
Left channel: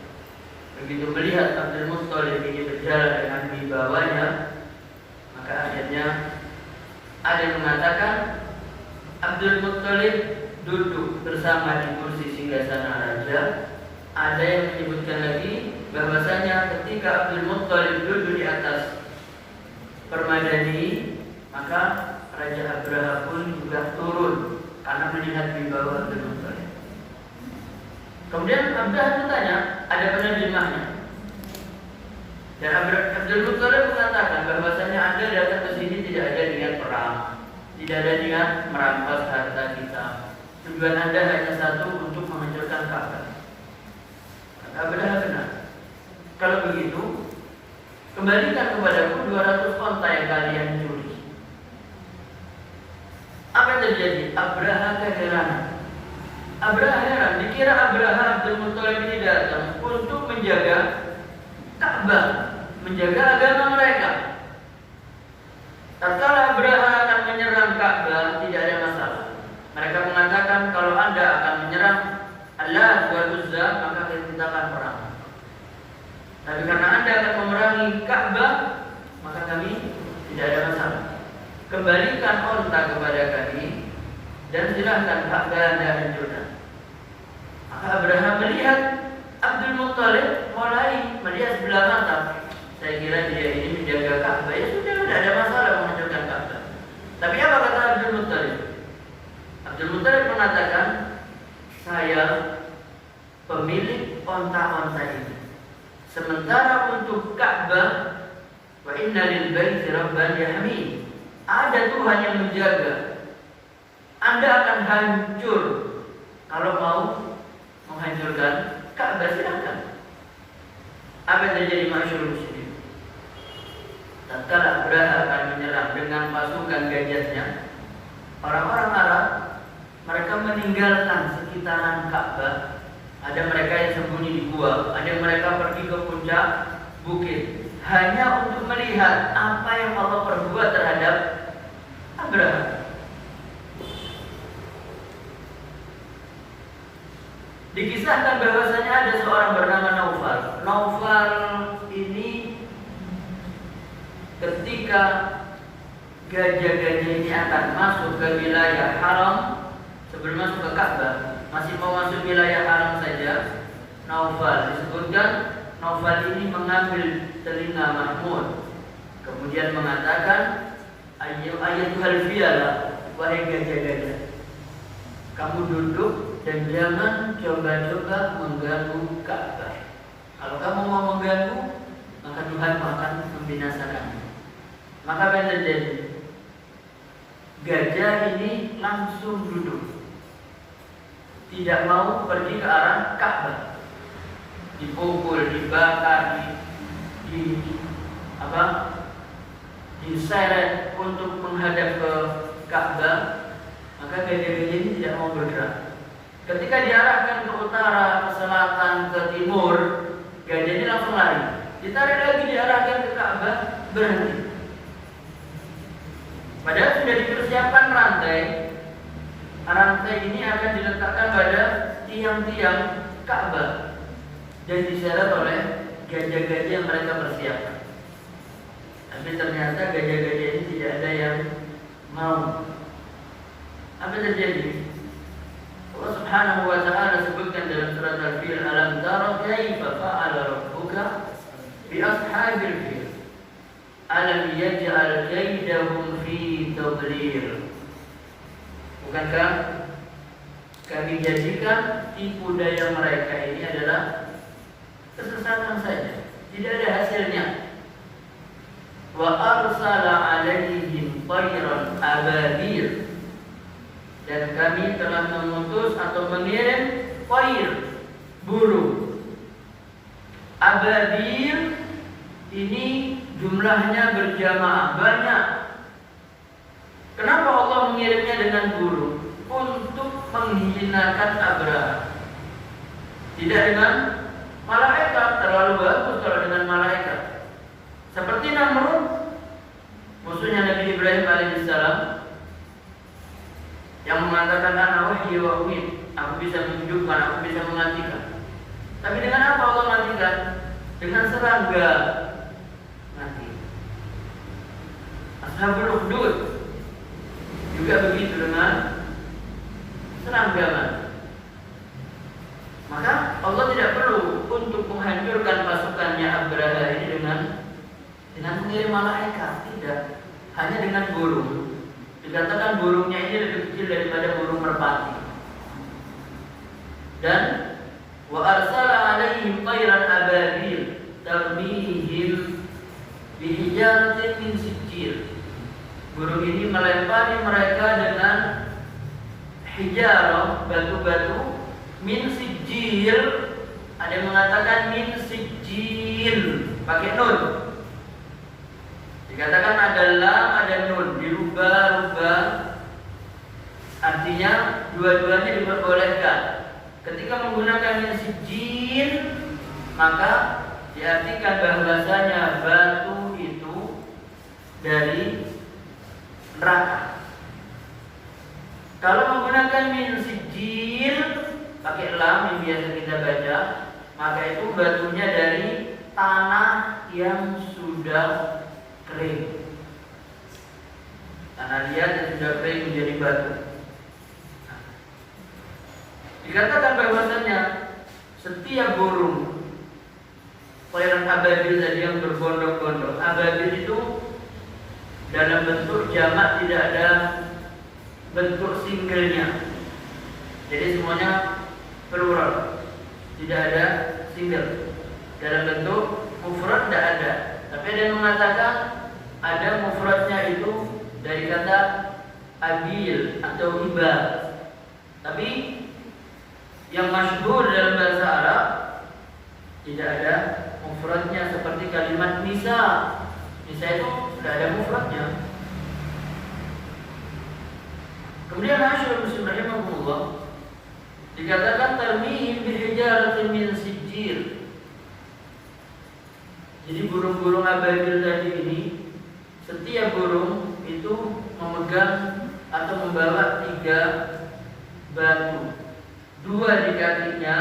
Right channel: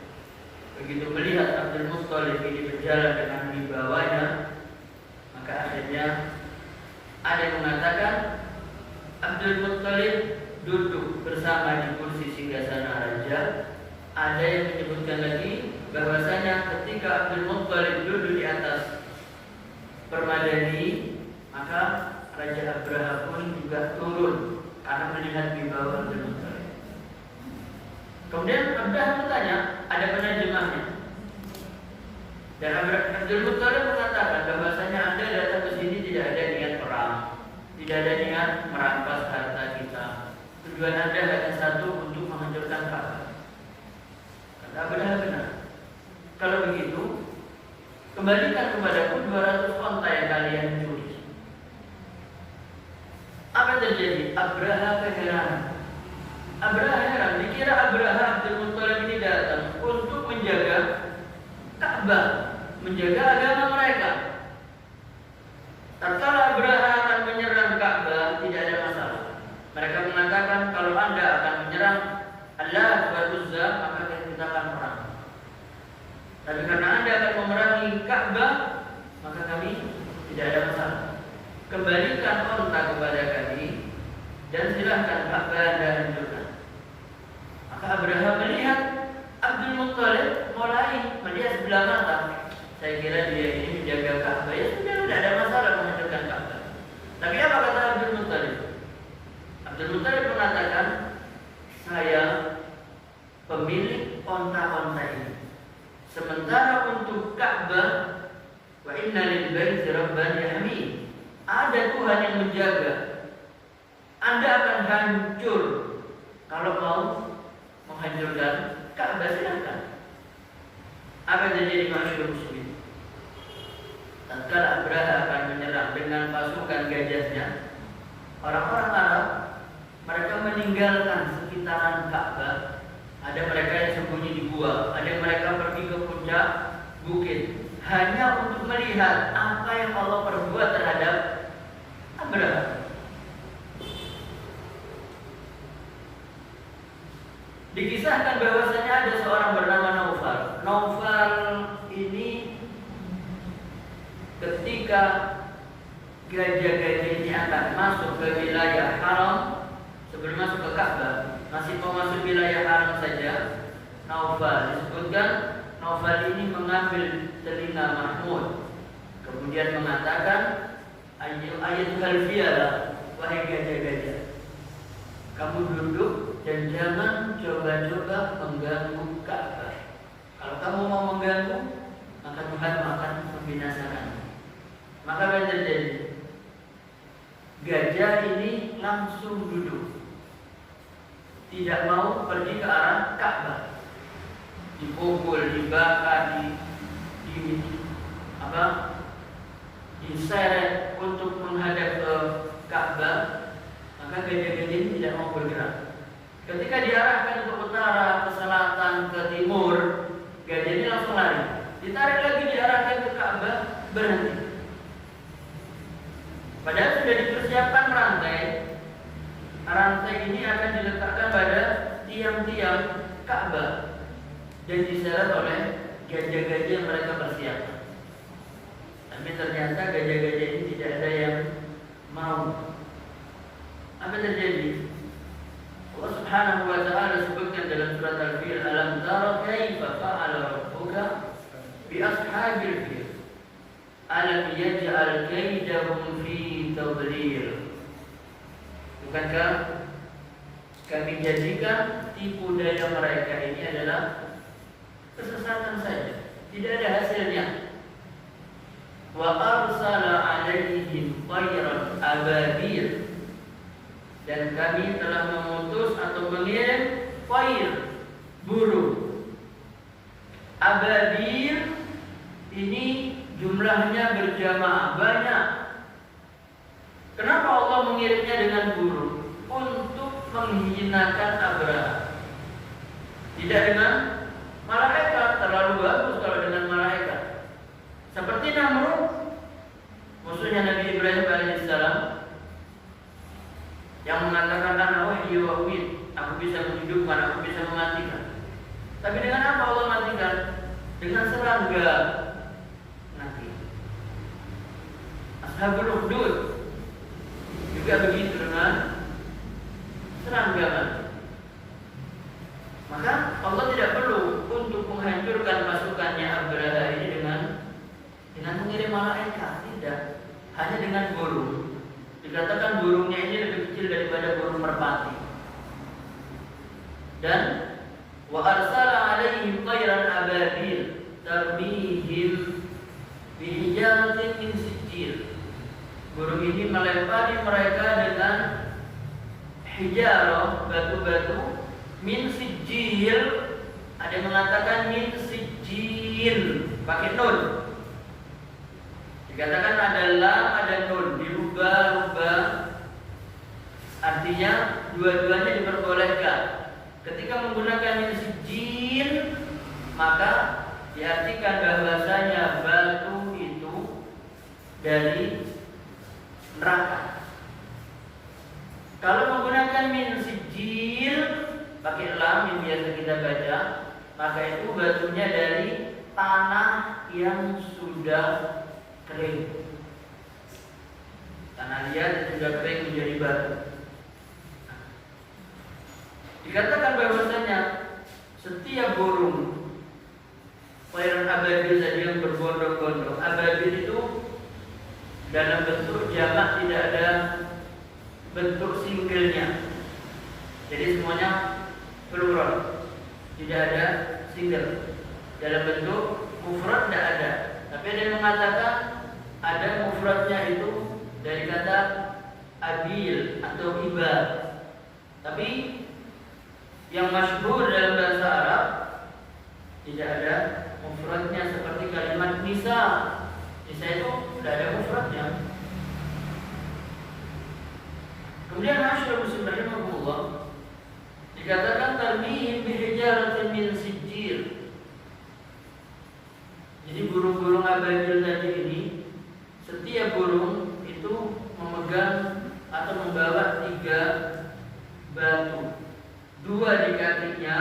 Begitu melihat Abdul Muttalib ini berjalan dengan di bawahnya, maka akhirnya ada yang mengatakan Abdul Muttalib duduk bersama di kursi singgasana raja. Ada yang menyebutkan lagi bahwasanya ketika Abdul Muttalib duduk di atas permadani, maka Raja Abraha pun juga turun karena melihat di bawah Abdul Muttalib. Kemudian Abraha bertanya, ada penerjemahnya. Dan Abdul Muttalib mengatakan bahwasanya Anda datang ke sini tidak ada niat perang, tidak ada niat merampas harta kita. Tujuan Anda hanya satu, untuk menghancurkan Ka'bah. Kata Abraha, benar. Kalau begitu, kembalikan kepadaku 200 onta yang kalian curi. Apa yang terjadi? Abraha keheranan. Abraha heran, dikira Abraha Abdul Muttalib ini datang untuk menjaga Ka'bah, menjaga agama mereka. Tatkala Abraha akan menyerang Ka'bah, tidak ada masalah. Mereka mengatakan kalau Anda akan menyerang Allah wa Uzza, maka kita akan perang. Tapi karena Anda akan memerangi Ka'bah, maka kami tidak ada masalah. Kembalikan onta kepada kami dan silakan Ka'bah Anda hancurkan. Maka Abraha melihat Abdul Muttalib mulai melihat sebelah mata. Saya kira dia ini menjaga Ka'bah, ya sudah, tidak ada masalah menghancurkan Ka'bah. Tapi apa kata Abdul Muttalib? Abdul Muttalib mengatakan, saya pemilik onta-onta ini. Sementara untuk Ka'bah, wa inna lil baiti rabban yahmi, ada Tuhan yang menjaga. Anda akan hancur. Kalau mau menghancurkan Ka'bah, silakan. Apa yang terjadi masyhur muslim? Tatkala Abraha akan menyerang dengan pasukan gajahnya, orang-orang Arab mereka meninggalkan sekitaran Ka'bah. Ada mereka yang sembunyi di gua, ada yang mereka pergi ke puncak bukit hanya untuk melihat apa yang Allah perbuat terhadap Abraha. Dikisahkan bahwasanya ada seorang bernama Naufal. Naufal ini ketika gajah-gajah ini akan masuk ke wilayah haram, sebelum masuk ke Ka'bah, masih mau masuk wilayah haram saja, Naufal disebutkan, Naufal ini mengambil telinga Mahmud, kemudian mengatakan, ayyuhal fiyala, wahai gajah-gajah, kamu duduk dan jangan coba-coba mengganggu Ka'bah. Kalau kamu mau mengganggu, maka Tuhan akan membinasakanmu. Maka apa yang terjadi? Gajah ini langsung duduk, tidak mau pergi ke arah Ka'bah. Dipukul, dibakar, diseret untuk menghadap ke Ka'bah. Maka gajah-gajah ini tidak mau bergerak. Ketika diarahkan ke utara, ke selatan, ke timur, gajah ini langsung lari. Ditarik lagi, diarahkan ke Ka'bah, berhenti. Padahal sudah dipersiapkan rantai. Rantai ini akan diletakkan pada tiang-tiang Ka'bah dan diseret oleh gajah-gajah yang mereka persiapkan. Tapi ternyata gajah-gajah ini tidak ada yang mau. Apa terjadi? Allah Subhanahu wa ta'ala sebutkan dalam surat Al-Fil, alam tara kaifa fa'ala rabbuka bi ashabil fil alam yaj'al kaidahum fi tadlil. Bukankah kami jadikan tipu daya mereka ini adalah kesesatan saja, tidak ada hasilnya. Wa arsala alaihim tayran ababil, dan kami telah mengutus atau mengirim tayr, burung. Ababil ini jumlahnya berjamaah banyak. Kenapa Allah mengirimnya dengan burung? Untuk menghinakan Abraha. Tidak dengan malaikat, terlalu bagus kalau dengan malaikat. Seperti Namrud, musuhnya Nabi Ibrahim alaihissalam, yang mengatakan ana uhyi wa umit, aku bisa menghidupkan, aku bisa mematikan. Tapi dengan apa Allah matikan? Dengan serangga mati. Ashabul Ukhdud juga begitu dengan serangga mati. Maka Allah tidak perlu untuk menghancurkan pasukannya Abraha ini dengan mengirim malaikat, tidak, hanya dengan burung. Jika Dan wa arsala alaihim tayran ababil tarmihim bihijaratin min sijil. Burung ini melempari mereka dengan hijarah, batu-batu min sijil. Ada yang mengatakan min sijil pakai nun. Dikatakan ada lam, ada nun, dirubah-rubah. Artinya dua-duanya diperbolehkan. Ketika menggunakan min sijil, maka diartikan bahwasanya batu itu dari neraka. Kalau menggunakan min sijil pakai lam yang biasa kita baca, maka itu batunya dari tanah yang sudah kering. Tanah liat yang sudah kering menjadi batu. Dikatakan bahwasanya setiap burung tayran ababil tadi yang berbondong-bondong, ababil itu dalam bentuk jamak, tidak ada bentuk singlenya. Jadi semuanya plural, tidak ada single. Dalam bentuk mufrad tidak ada. Tapi ada yang mengatakan ada mufradnya itu dari kata abil atau ibar. Tapi yang masyhur dalam bahasa Arab tidak ada mufradnya, seperti kalimat nisa. Nisa itu tidak ada mufradnya. Kemudian masyhur muslim rahimahullah dikatakan tarmihim bihijaratin min sijil. Jadi burung-burung ababil tadi ini, setiap burung itu memegang atau membawa 3 batu. 2 di kakinya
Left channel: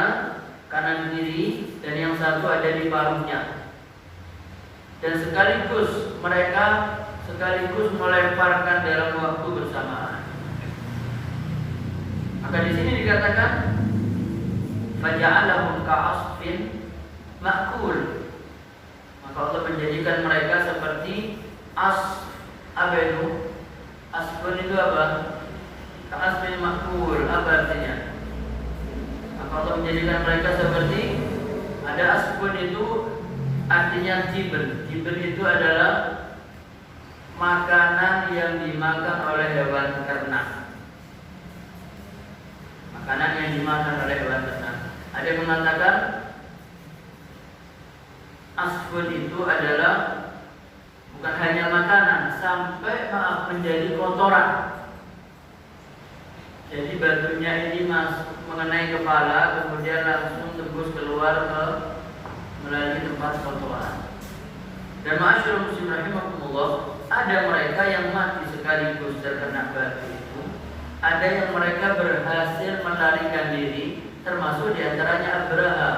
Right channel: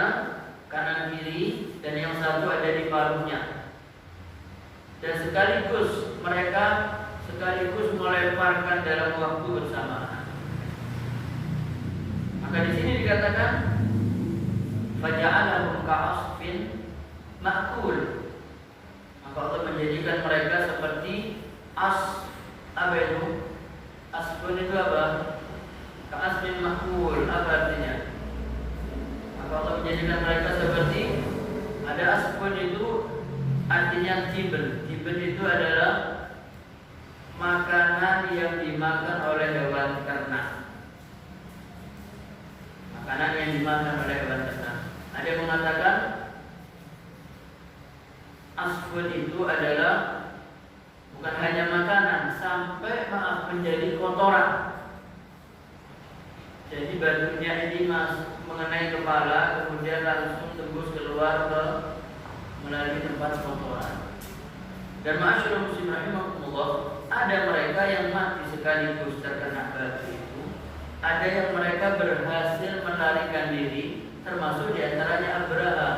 kanan kiri dan yang 1 ada di paruhnya. Dan sekaligus mereka melemparkan dalam waktu bersamaan. Maka di sini dikatakan faja'alahum ka'asfin ma'kul. Maka Allah menjadikan mereka seperti apa itu? Asfun itu apa? Ka'asfin ma'kul, apa artinya? Maka Allah menjadikan mereka seperti, ada asfun itu artinya jibel. Jibel itu adalah makanan yang dimakan oleh hewan ternak. Makanan yang dimakan oleh hewan ternak. Ada yang mengatakan asfun itu adalah bukan hanya makanan, sampai menjadi kotoran. Jadi batunya ini mengenai kepala, kemudian langsung tembus keluar melalui tempat kotoran. Dan masyaallah muslim rahimahumullah, ada mereka yang mati sekaligus terkena batu itu. Ada yang mereka berhasil melarikan diri, termasuk diantaranya Abraha.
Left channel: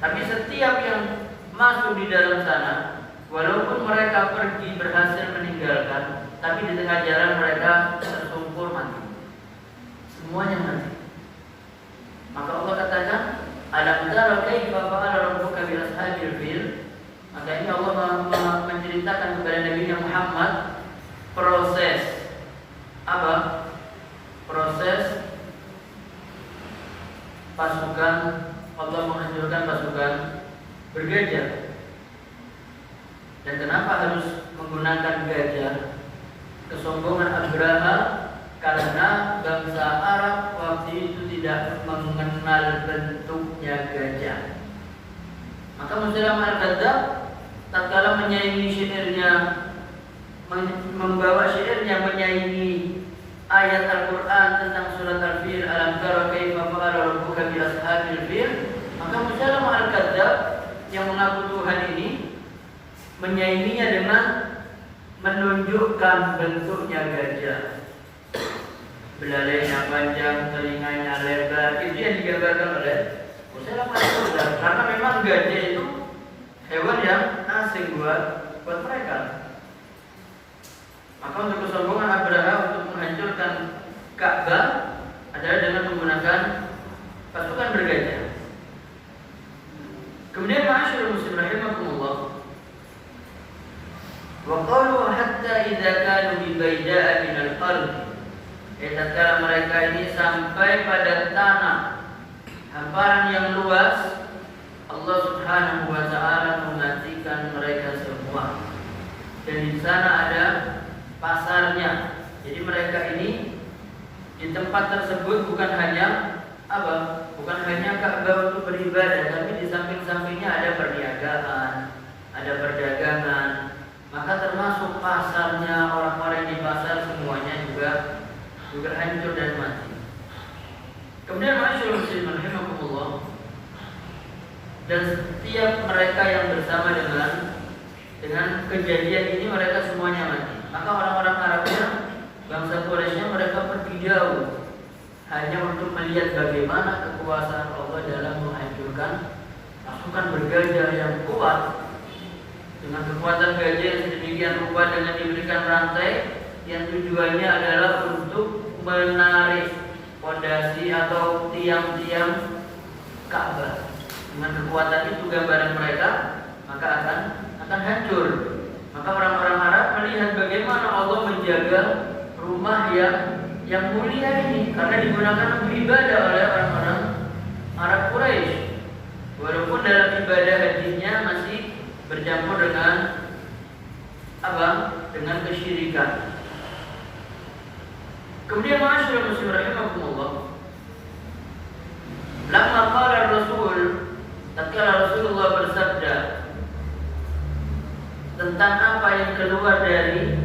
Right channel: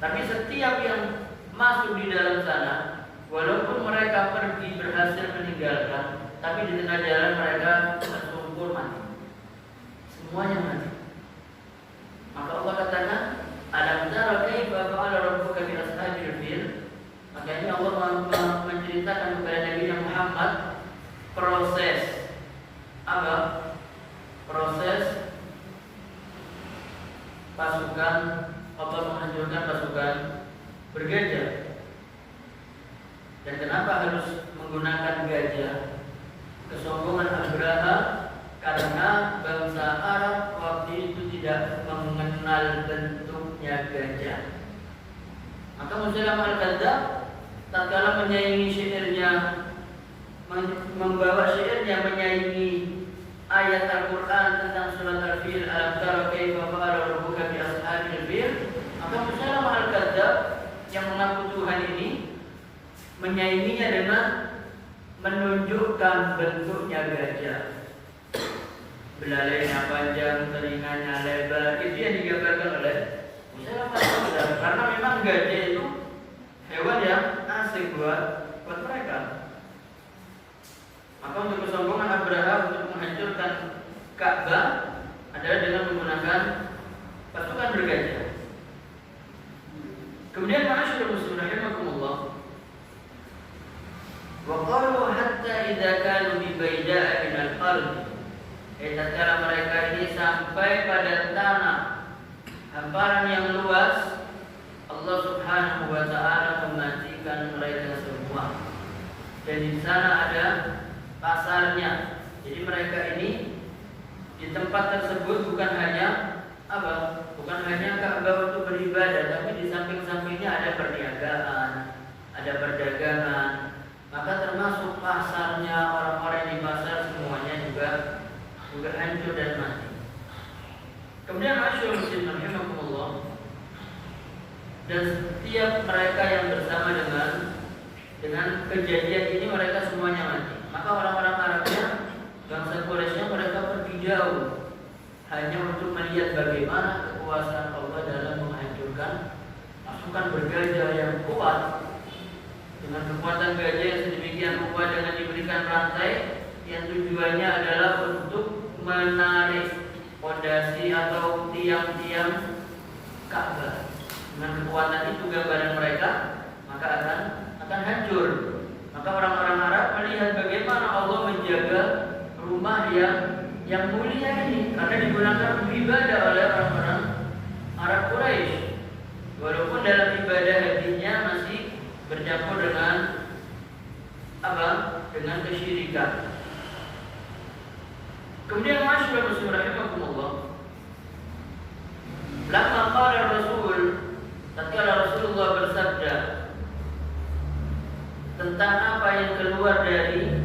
Tapi setiap yang masuk di dalam sana, walaupun mereka pergi berhasil meninggalkan, tapi di tengah jalan mereka tersungkur mati. Semuanya mati. Maka Allah katakan, alam tara kaifa fa'ala rabbuka bi ashabil fil. Maka ini Allah menceritakan kepada Nabi Muhammad proses apa? Proses pasukan atau menghancurkan pasukan bergajah. Dan kenapa harus menggunakan gajah? Kesombongan Abraha karena bangsa Arab waktu itu tidak mengenal bentuknya gajah. Maka Musailamah al-Kadzdzab tatkala menyaingi syairnya, membawa syairnya menyaingi ayat Al-Quran tentang surat Al-Fil, alam tara kaifa fa'ala rabbuka bi ashabil fil, maka Musailamah al-Kadzdzab yang mengaku Tuhan ini menyainginya dengan menunjukkan bentuknya gajah. Belalainya panjang, telinganya lebar. Itu yang digambarkan oleh Musailamah al-Kadzdzab, karena memang gajah itu hewan yang asing buat mereka. Maka untuk kesombongan Abraha untuk menghancurkan Ka'bah adalah dengan menggunakan pasukan bergajah. Kemudian masyaallah muslim rahimakumullah, wa qalu hatta idza kanu bi bayda'a min al-ardh. Tatkala mereka ini sampai pada tanah hamparan yang luas, Allah Subhanahu wa taala mematikan mereka semua. Dan di sana ada pasarnya. Jadi mereka ini di tempat tersebut bukan hanya bukan hanya Ka'bah untuk beribadah, tapi di samping-sampingnya ada perniagaan, ada perdagangan. Maka termasuk pasarnya, orang-orang di pasar semuanya juga hancur dan mati. Kemudian masyaallah muslimin rahimakumullah, dan setiap mereka yang bersama dengan kejadian ini mereka semuanya mati. Maka orang-orang Arabnya, bangsa Quraisynya, mereka pergi jauh hanya untuk melihat bagaimana kekuasaan Allah dalam menghancurkan pasukan bergajah yang kuat. Dengan kekuatan gajah yang sedemikian rupa, dengan diberikan rantai yang tujuannya adalah untuk menarik fondasi atau tiang-tiang Ka'bah. Dengan kekuatan itu gambaran mereka maka akan hancur. Maka orang-orang Arab melihat bagaimana Allah menjaga rumah yang mulia ini, karena digunakan untuk ibadah oleh orang-orang Arab Quraisy. Walaupun dalam ibadah hajinya masih bercampur dengan dengan kesyirikan. Kemudian masyaallah muslimin rahimakumullah, lamma qala Rasul, tatkala Rasulullah bersabda tentang apa yang keluar dari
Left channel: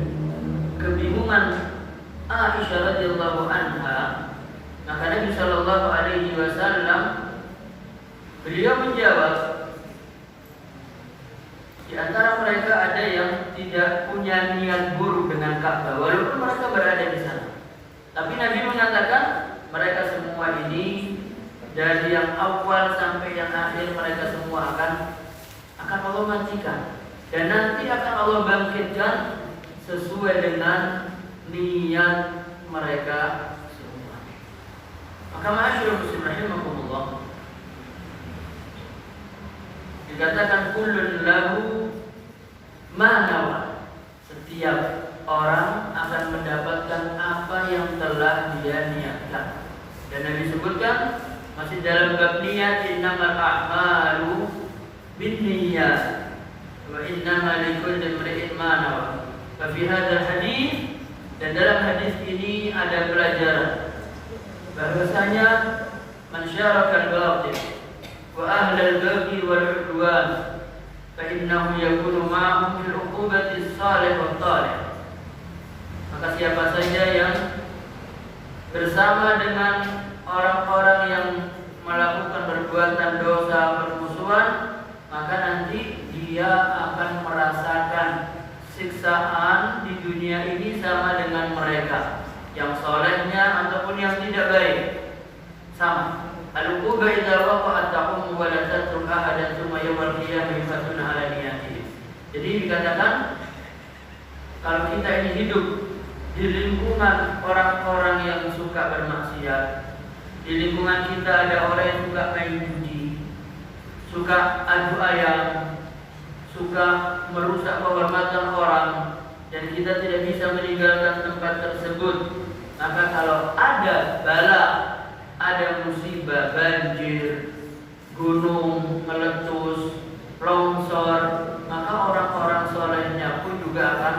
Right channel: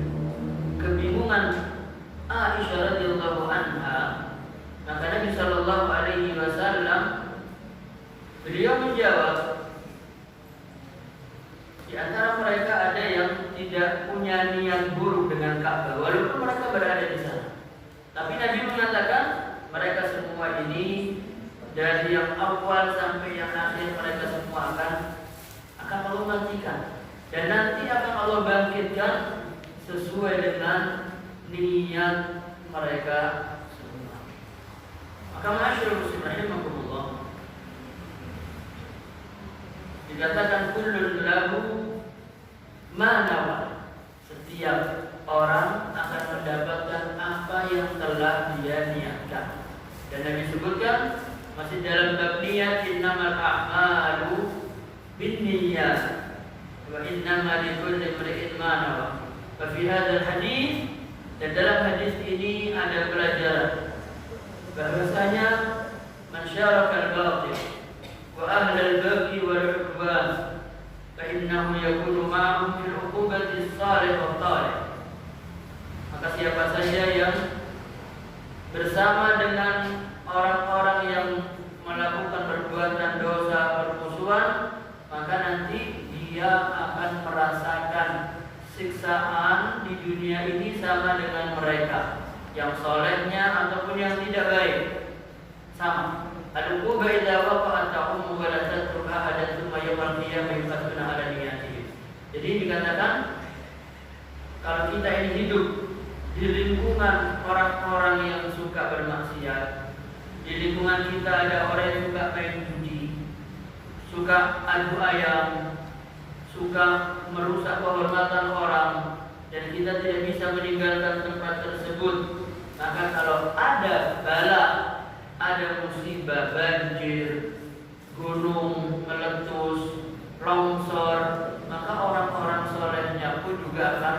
kebingungan Aisyah radhiyallahu anha, maka Nabi sallallahu alaihi wasallam beliau menjawab, di antara mereka ada yang tidak punya niat buruk dengan Ka'bah walaupun mereka berada di sana. Tapi Nabi mengatakan mereka semua ini dari yang awal sampai yang akhir mereka semua akan Allah matikan, dan nanti akan Allah bangkitkan sesuai dengan niat mereka semua. Maka masyaallah muslimin rahimakumullah, dikatakan kullun lahu ma nawa, setiap orang akan mendapatkan apa yang telah dia niatkan. Dan Nabi sebutkan masih dalam bab niat, innamal a'malu binniyat wa innamal likulli imri'in ma nawa. Fa fi hadzal hadis, dan dalam hadis ini ada pelajaran bahwasanya man syaraka al-batil wa ahlal baghi wal udwan fa innahu yakunu ma'ahum fil 'uqubati as-salih wa talih. Maka siapa saja yang bersama dengan orang-orang yang melakukan perbuatan dosa permusuhan, maka nanti dia akan merasakan siksaan di dunia ini sama dengan mereka, yang solehnya ataupun yang tidak baik, sama. Al-uquba idza waqa'at ta'um wa la tatruk ahadan thumma yawmal qiyamah yufatuna 'ala niyatihi. Jadi dikatakan kalau kita ini hidup di lingkungan orang-orang yang suka bermaksiat, di lingkungan kita ada orang yang suka main judi, suka adu ayam, suka merusak kehormatan orang, dan kita tidak bisa meninggalkan tempat tersebut, maka kalau ada bala, ada musibah, banjir, gunung meletus, longsor, maka orang-orang solehnya pun juga akan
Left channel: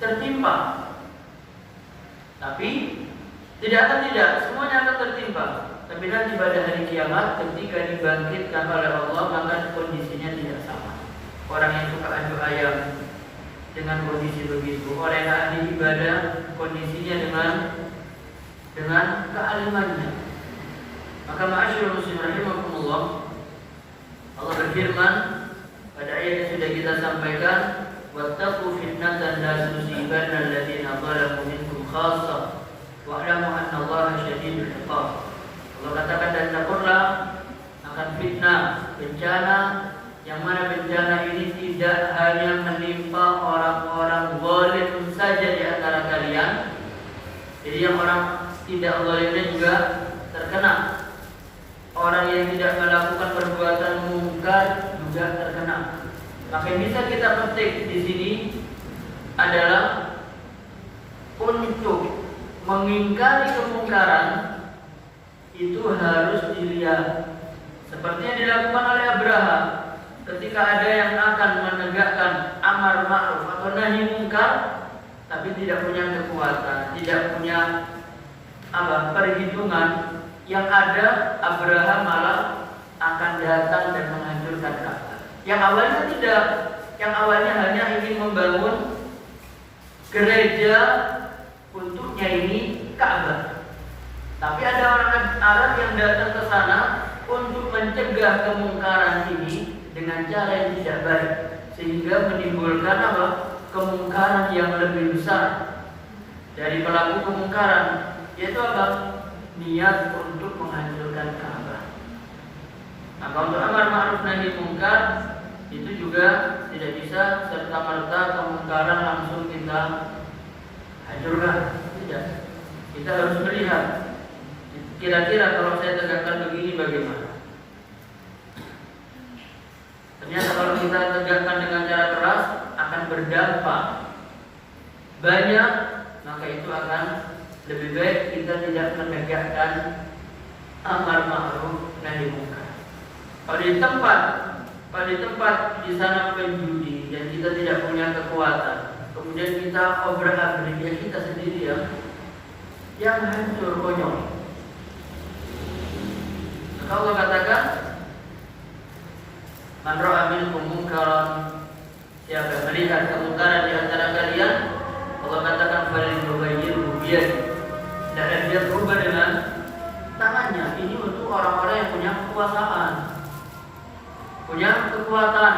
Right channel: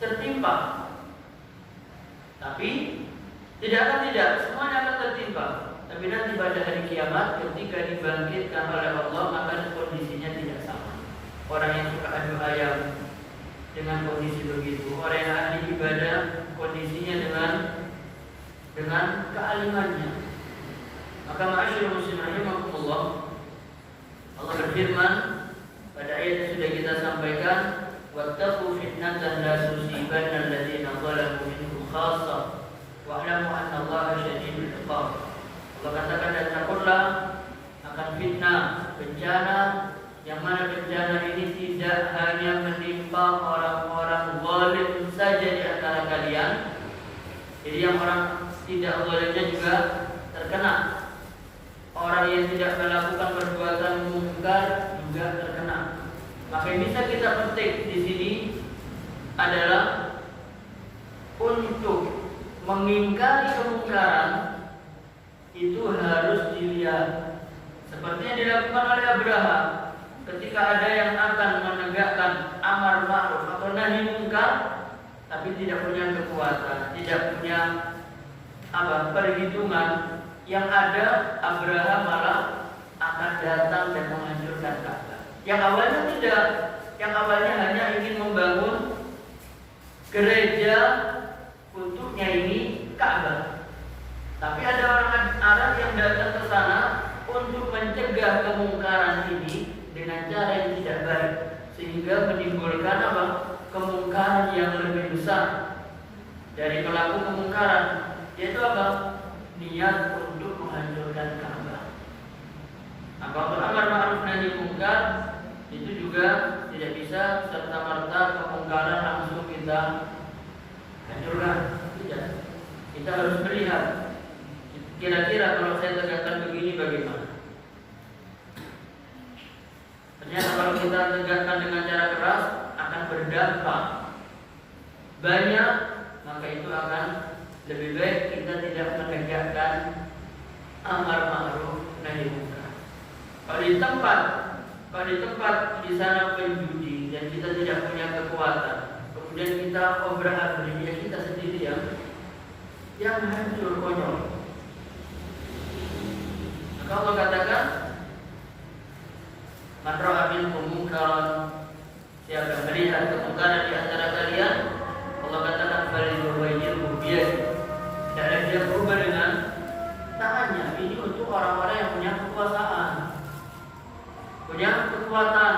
tertimpa. Tapi tidak, semuanya akan tertimpa. Tapi nanti pada hari kiamat ketika dibangkitkan oleh Allah, maka kondisinya tidak sama. Orang yang suka adu ayam dengan kondisi begitu, orang yang ahli ibadah kondisinya dengan kealimannya. Maka ma'asyiral muslimin rahimakumullah, Allah berfirman pada ayat yang sudah kita sampaikan, wattaqu fitnatan la tusibanna alladziina zalamu minkum khassah wa'lamu anna Allaha syadidul 'iqab. Allah katakan, dan takutlah akan fitnah, bencana, yang mana bencana ini tidak hanya menimpa orang-orang zalim saja di antara kalian. Jadi yang orang tidak zalimnya juga terkena. Orang yang tidak melakukan perbuatan mungkar juga terkena. Maka yang bisa kita petik di sini adalah untuk mengingkari kemungkaran itu harus dilihat ketika ada yang akan menegakkan amar ma'ruf atau nahi munkar tapi tidak punya kekuatan, tidak punya perhitungan, yang ada Abraham malah akan datang dan menghancurkan Ka'bah. Yang awalnya hanya ingin membangun gereja untuknya ini Ka'bah. Tapi ada orang Arab yang datang ke sana untuk mencegah kemungkaran ini dengan cara yang tidak baik, sehingga menimbulkan kemungkaran yang lebih besar dari pelaku kemungkaran, yaitu niat untuk menghancurkan Ka'bah. Maka untuk amar ma'ruf nahi munkar itu juga tidak bisa serta-merta kemungkaran langsung kita hancurkan. Tidak. Kita harus melihat kira-kira kalau saya tegakkan begini bagaimana. Ternyata kalau kita tegakkan dengan cara keras akan berdampak banyak, maka itu akan lebih baik kita tidak menegakkan amar ma'ruf nahi munkar. Kalau di tempat di sana penjudi dan kita tidak punya kekuatan, kemudian kita obrak-abrik, kita sendiri yang hancur konyol. Maka Allah katakan, man ra'a minkum munkaran, siapa melihat kemungkaran di antara kalian, Allah katakan falyughayyirhu biyadihi, dan dia berubah dengan tangannya. Ini untuk orang-orang yang punya kekuasaan, punya kekuatan,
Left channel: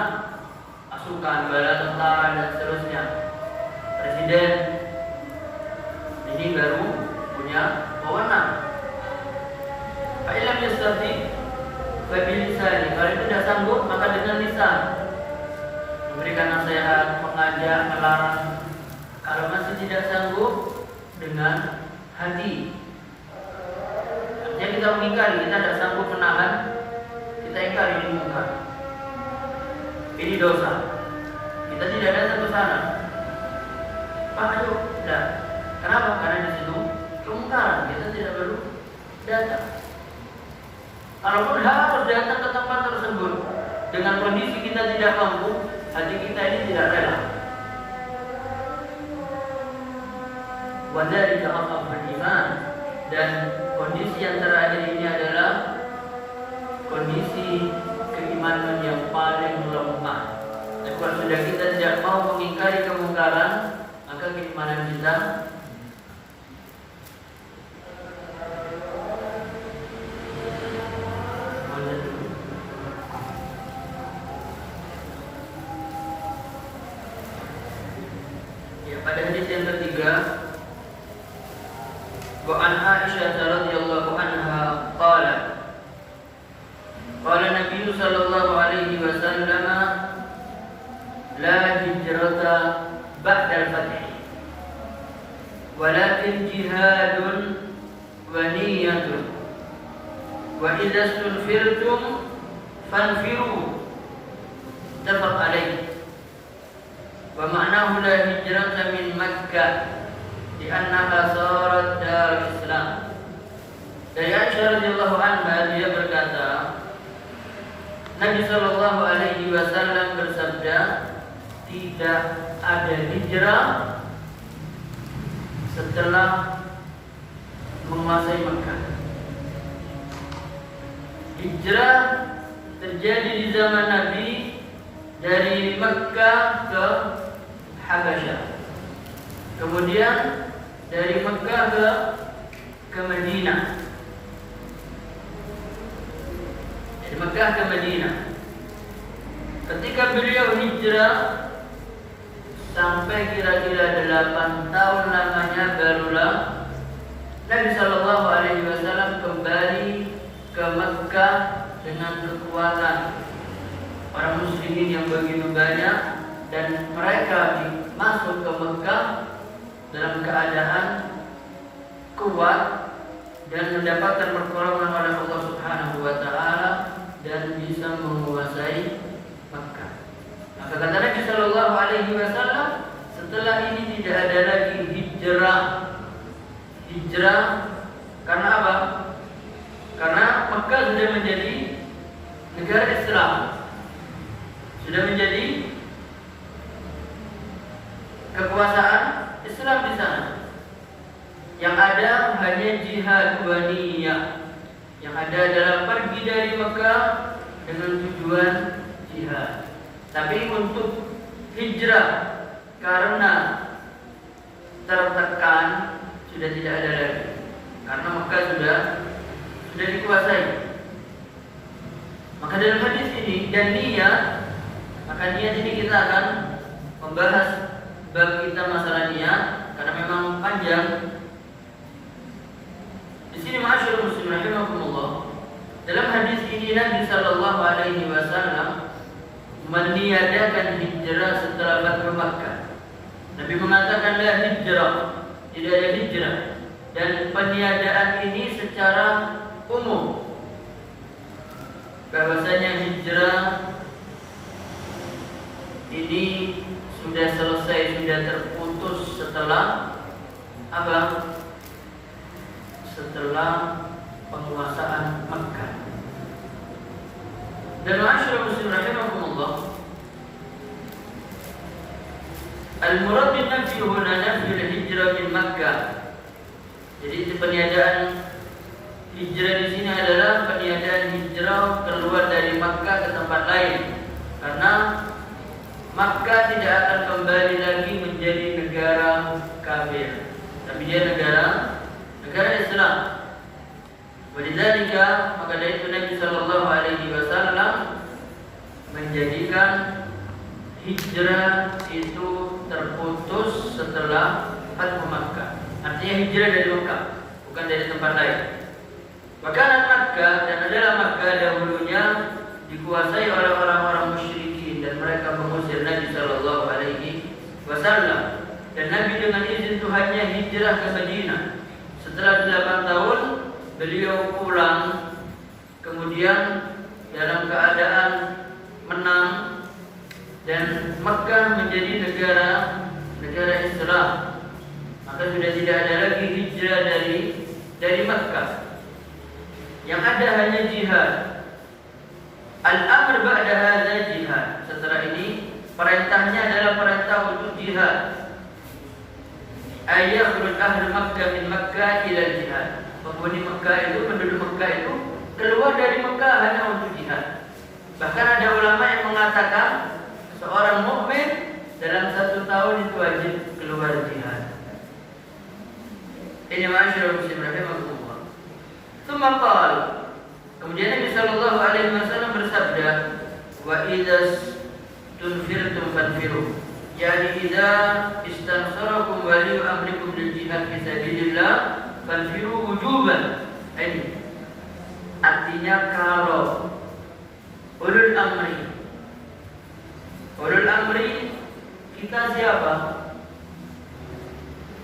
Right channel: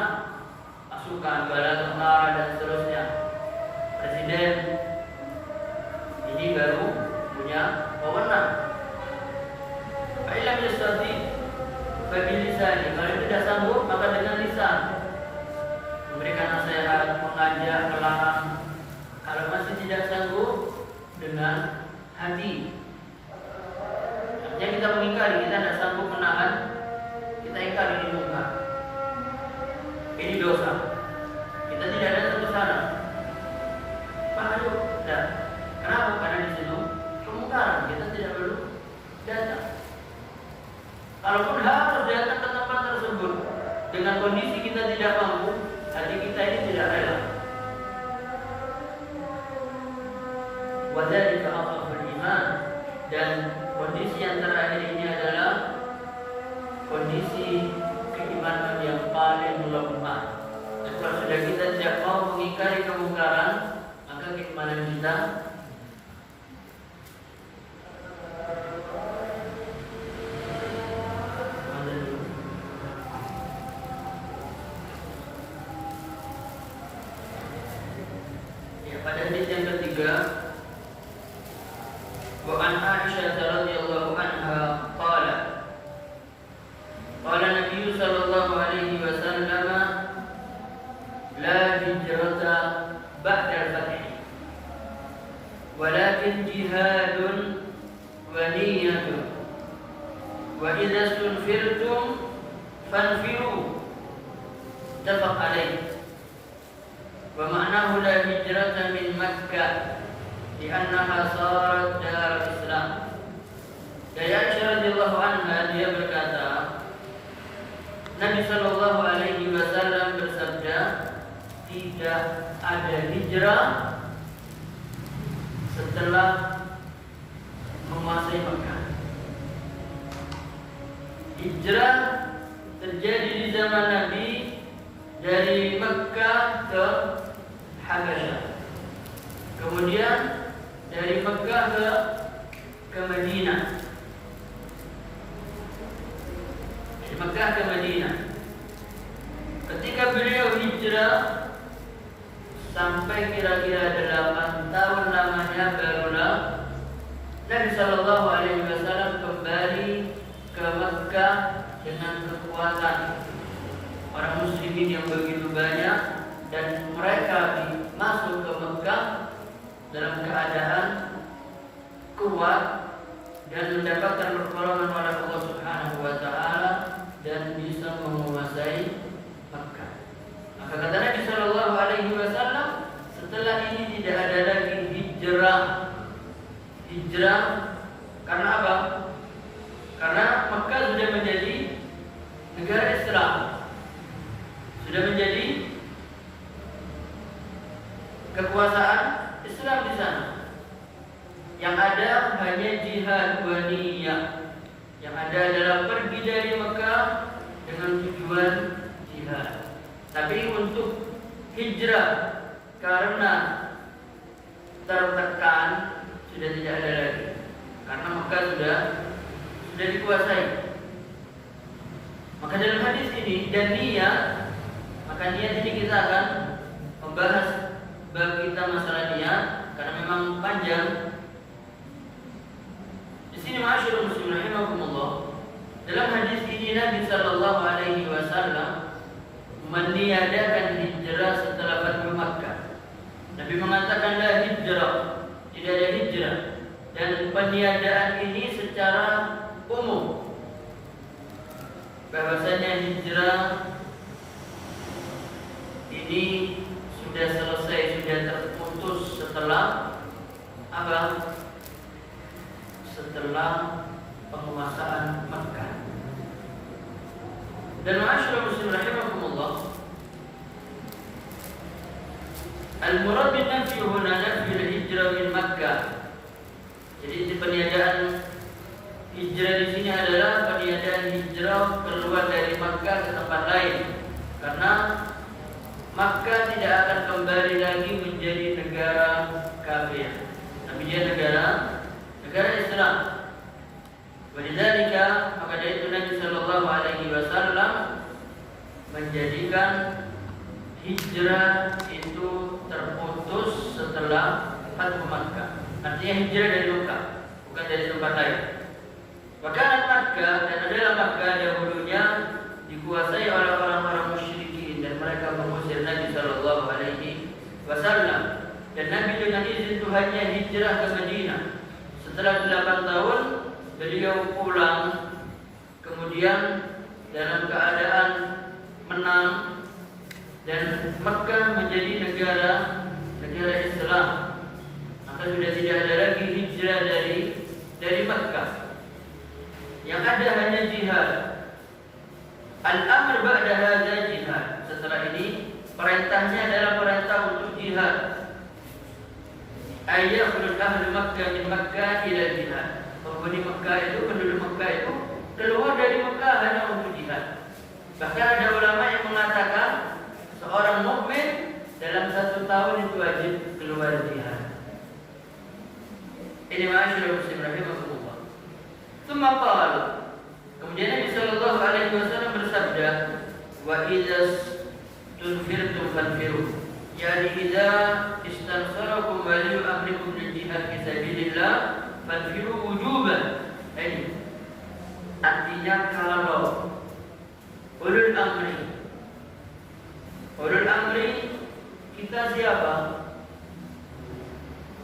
pasukan, bala tentara dan seterusnya. Presiden ini baru punya wewenang. Fa'ilam yastati fabilisani, kalau tidak sanggup maka dengan lisan, memberikan nasihat, mengajak, melarang. Kalau masih tidak sanggup, dengan hati. Artinya kita mengingkari, kita tidak sanggup menahan, kita ingkari ini munkar, ini dosa, kita tidak datang ke sana. Pak, ayo, tidak. Kenapa? Karena di situ kemungkaran, kita tidak perlu datang. Kalaupun harus datang ke tempat tersebut dengan kondisi kita tidak mampu, hati kita ini tidak rela. Wadzalika adhaful iman, dan kondisi yang terakhir ini adalah kondisi keimanan yang paling lemah. Dan kalau sudah kita tidak mau mengingkari kemungkaran, maka keimanan kita pada hadis yang ketiga, wa an Aisyah radhiyallahu anha qalat, qala Nabi sallallahu alaihi wasallam, la hijrata ba'da al-fath, walakin jihadun wa niyyatun, wa idza istunfirtum fanfiru, muttafaq alaih. Wa ma'nahu la hijrata min Makkah li'annaha sarat dar Islam. Dari Aisyah radhiyallahu anha, dia berkata, Nabi sallallahu alaihi wasallam bersabda, tidak ada hijrah setelah menguasai Makkah. Hijrah terjadi di zaman Nabi dari Makkah ke Habasyah, kemudian dari Makkah ke Madinah, dari Makkah ke Madinah. Ketika beliau hijrah sampai kira-kira 8 tahun lamanya, barulah Nabi Shallallahu Alaihi Wasallam kembali ke Makkah dengan kekuatan orang muslimin yang begitu banyak, dan mereka masuk ke Mekah dalam keadaan kuat dan mendapatkan pertolongan oleh Allah Subhanahu wa taala dan bisa menguasai Mekah. Maka kata Nabi sallallahu alaihi wasallam, setelah ini tidak ada lagi hijrah. Hijrah karena apa? Karena Mekah sudah menjadi negara Islam, sudah Yang ada adalah pergi dari Mekah dengan tujuan jihad. Tapi untuk hijrah karena tertekan sudah tidak ada lagi. Karena Mekah sudah dikuasai. Maka dalam hadis ini dan niat, maka niat ini kita akan membahas bagi kita masalah niat karena memang panjang. Di sini ma'asyiral muslimin rahimakumullah. Dalam hadis ini Nabi sallallahu alaihi wasallam meniadakan hijrah setelah Fathu Makkah. Nabi mengatakan la hijrah, tidak ada hijrah, dan peniadaan ini secara umum. Bahwasanya hijrah ini sudah selesai, sudah terputus setelah apa? Setelah penguasaan Makkah. Dan ma'asyiral muslimin rahimakumullah, al-murad bin nafsi huna nafsi al-hijrah min Makkah. Jadi peniadaan hijrah di sini adalah peniadaan hijrah keluar dari Makkah ke tempat lain. Karena Makkah tidak akan kembali lagi menjadi negara kafir, tapi dia negara Islam. Walidzalika, maka dari itu Nabi sallallahu alaihi wasallam menjadikan hijrah itu terputus setelah Fathu Makkah. Artinya hijrah dari Makkah, bukan dari tempat lain. Bahkan Makkah dan adalah Makkah dahulunya dikuasai oleh orang-orang musyrikin dan mereka mengusir Nabi sallallahu alaihi wasallam. Dan Nabi dengan izin Tuhannya hijrah ke Madinah. Setelah 8 tahun beliau pulang, kemudian dalam keadaan menang dan Makkah menjadi negara Islam. Maka sudah tidak ada lagi hijrah dari Makkah. Yang ada hanya jihad. Al-amr ba'da hadza jihad. Setelah ini perintahnya adalah perintah untuk jihad. Ayakhruj ahli Makkah min Makkah ila jihad. Penghuni Makkah itu, penduduk Makkah itu keluar dari Makkah hanya untuk jihad. Bahkan ada ulama yang mengatakan seorang mukmin dalam 1 tahun itu wajib keluar jihad. Ini ma'asyiral muslimin rahimakumullah. Tsumma qala, kemudian Nabi sallallahu alaihi wasallam bersabda, wa idza tunfirtum fanfiru. Yani idza istansarakum wali amrikum lil jihad fi sabilillah fanfiru wujuban. Ini artinya kalau ulul amri kita siapa?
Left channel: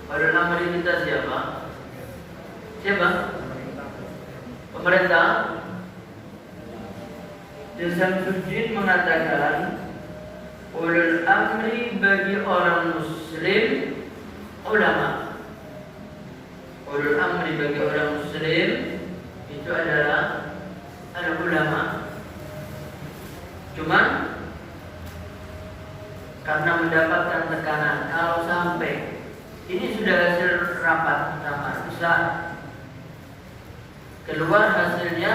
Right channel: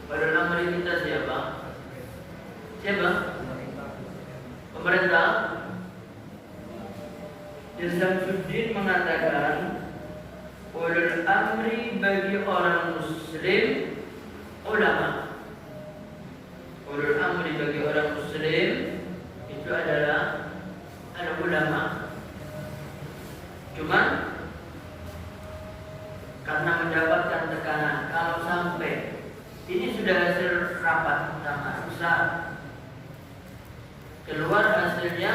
Ulul amri kita siapa? Siapa? Pemerintah. Syamsuddin mengatakan ulul amri bagi orang muslim ulama. Ulul amri bagi orang muslim itu adalah ulama. Cuman karena mendapatkan tekanan, kalau sampai ini sudah hasil rapat Islam, keluar hasilnya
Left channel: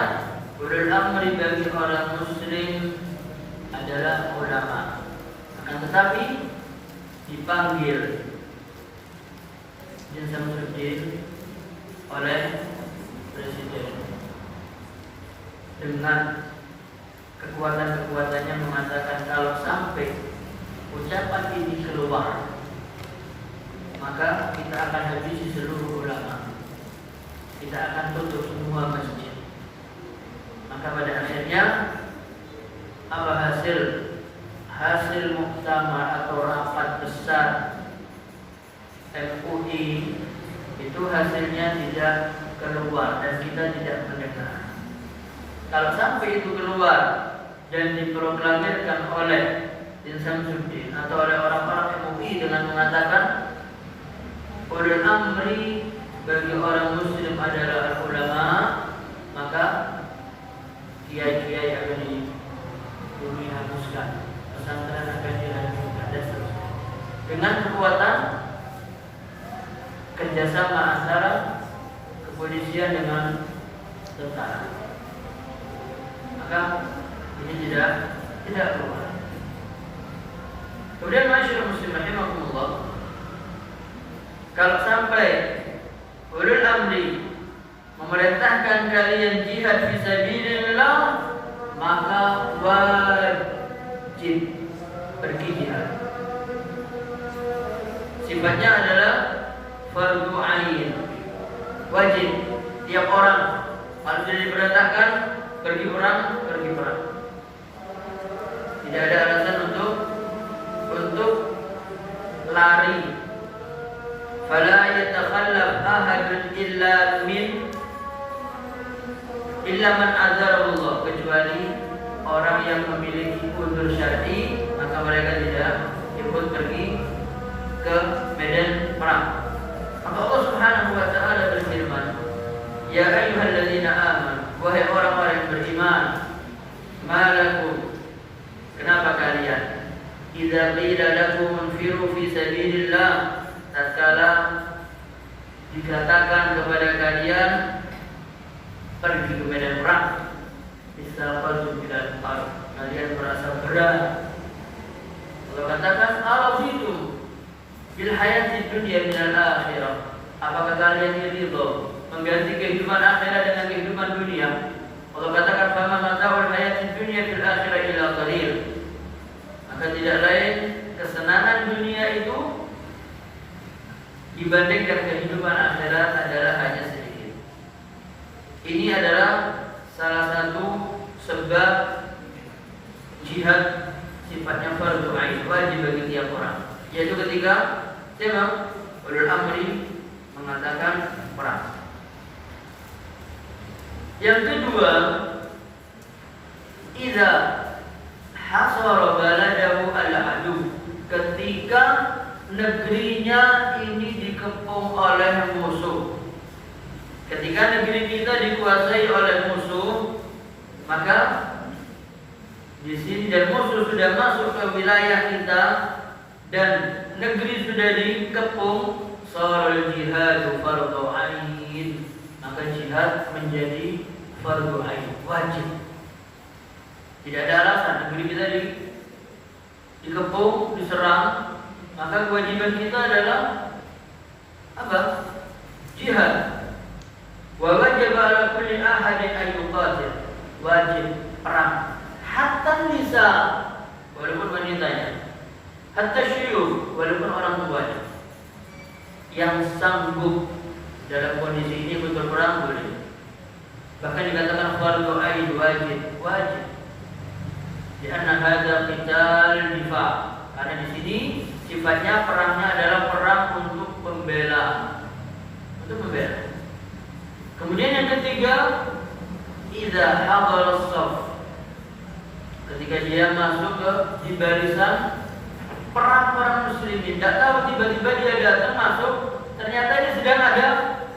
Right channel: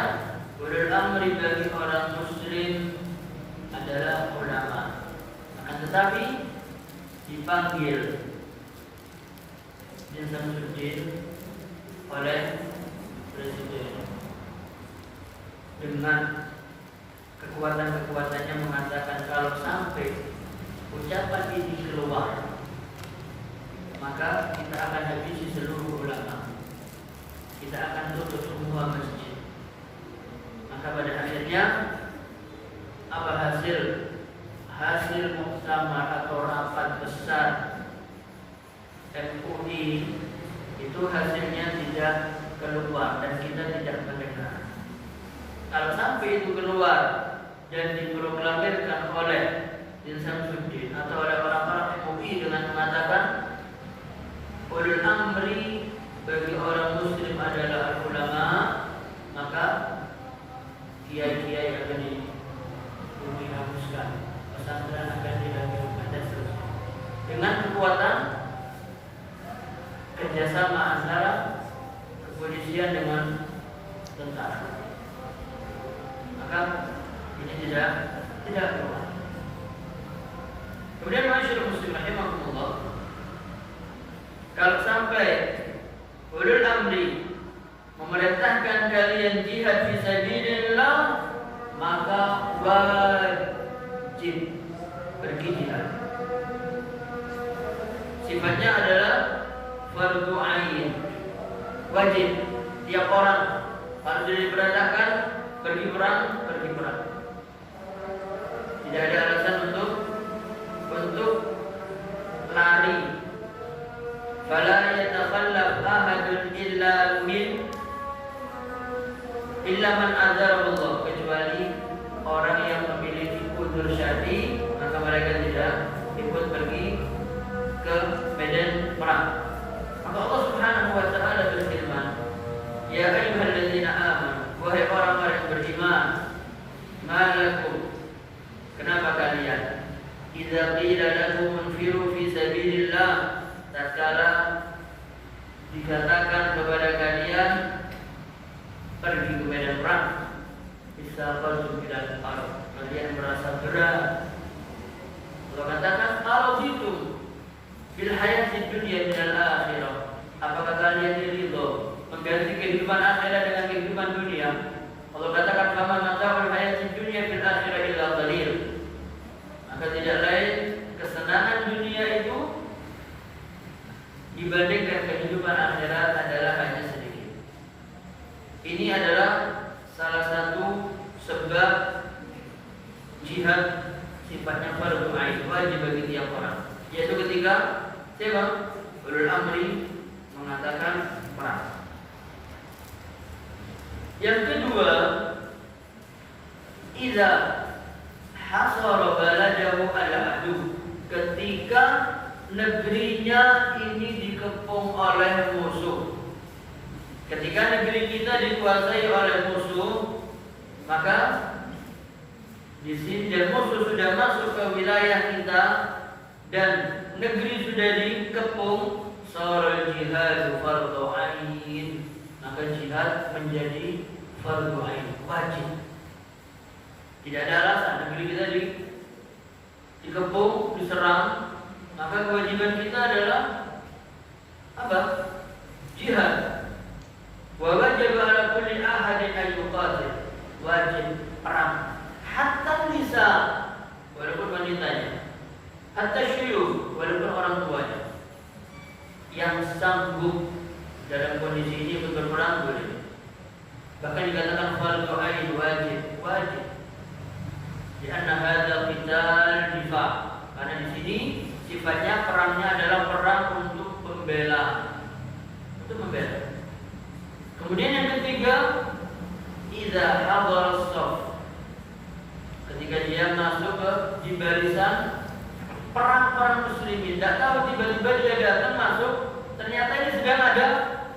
ulul amri bagi orang muslim adalah ulama. Tetapi dipanggil Syamsuddin oleh presiden dengan kekuatan-kekuatannya mengatakan kalau sampai ucapan ini keluar, maka kita akan habisi seluruh ulama, kita akan tutup semua masjid. Maka pada akhirnya apa hasil muktamar atau rapat besar MUI itu hasilnya tidak keluar dan kita tidak mendengar. Kalau sampai itu keluar dan diproklamirkan oleh Syamsuddin atau oleh orang-orang MUI dengan mengatakan ulul amri bagi orang muslim adalah ulama, maka kiai-kiai akan dihapuskan, pesantren akan dihancurkan dengan kekuatan kerjasama antara kepolisian dengan tentara. maka ini tidak keluar. Kemudian masyarakat muslim rahimahumullah, kalau sampai ulul amri memerintahkan kalian jihad fisabilillah, maka wajib pergi jihad. Sifatnya adalah fardu ain, wajib. Tiap orang kalau sudah diperintahkan pergi perang. Tidak ada alasan untuk lari. Fala yatakhallaf ahadun illa man adzara Allah, kecuali orang yang memiliki udzur syar'i, maka mereka tidak ikut pergi ke medan perang. Maka Allah Subhanahu wa taala berfirman, ya ayyuhalladzina amanu, wahai orang-orang yang beriman, malakum, kenapa kalian idza qila lakum munfiru fi sabilillah, tatkala dikatakan kepada kalian pergi ke medan perang, istaqaltum bil ard, kalian merasa berat. Allah katakan kalau itu bil hayati dunya minal akhirah, apakah kalian ridho mengganti kehidupan akhirat dengan kehidupan dunia? Allah katakan fama mata'ul hayati dunya fil akhirah illa qalil, maka tidak lain kesenangan dunia itu dibandingkan kehidupan akhirat adalah hanya sedikit. Ini adalah salah satu sebab jihad sifatnya fardu ain, wajib bagi tiap orang, yaitu ketika siapa? Ulul amri mengatakan perang. Yang kedua, idza hasara baladahu al-adu, ketika negerinya ini dikepung oleh musuh. Ketika negeri kita dikuasai oleh musuh, maka di sini dan musuh sudah masuk ke wilayah kita dan negeri sudah dikepung, sharul jihad fardhu ain, maka jihad menjadi fardhu ain, wajib. Tidak ada alasan, negeri kita dikepung, diserang, maka kewajiban kita adalah apa? Jihad. Wa wajib ala kulli ahadin an yuqatil, wajib perang. Hatta nisa, walaupun wanitanya, hatta syuyukh, walaupun orang tuanya yang sanggup dalam kondisi ini untuk perang boleh. Bahkan dikatakan fardhu ain, wajib. Karena hadza qital difa, karena di sini sifatnya perangnya adalah perang untuk membela. Kemudian yang ketiga, idza hadara as-saff, ketika dia masuk di barisan perang muslimin, tidak tahu tiba-tiba dia datang masuk, ternyata ini sedang ada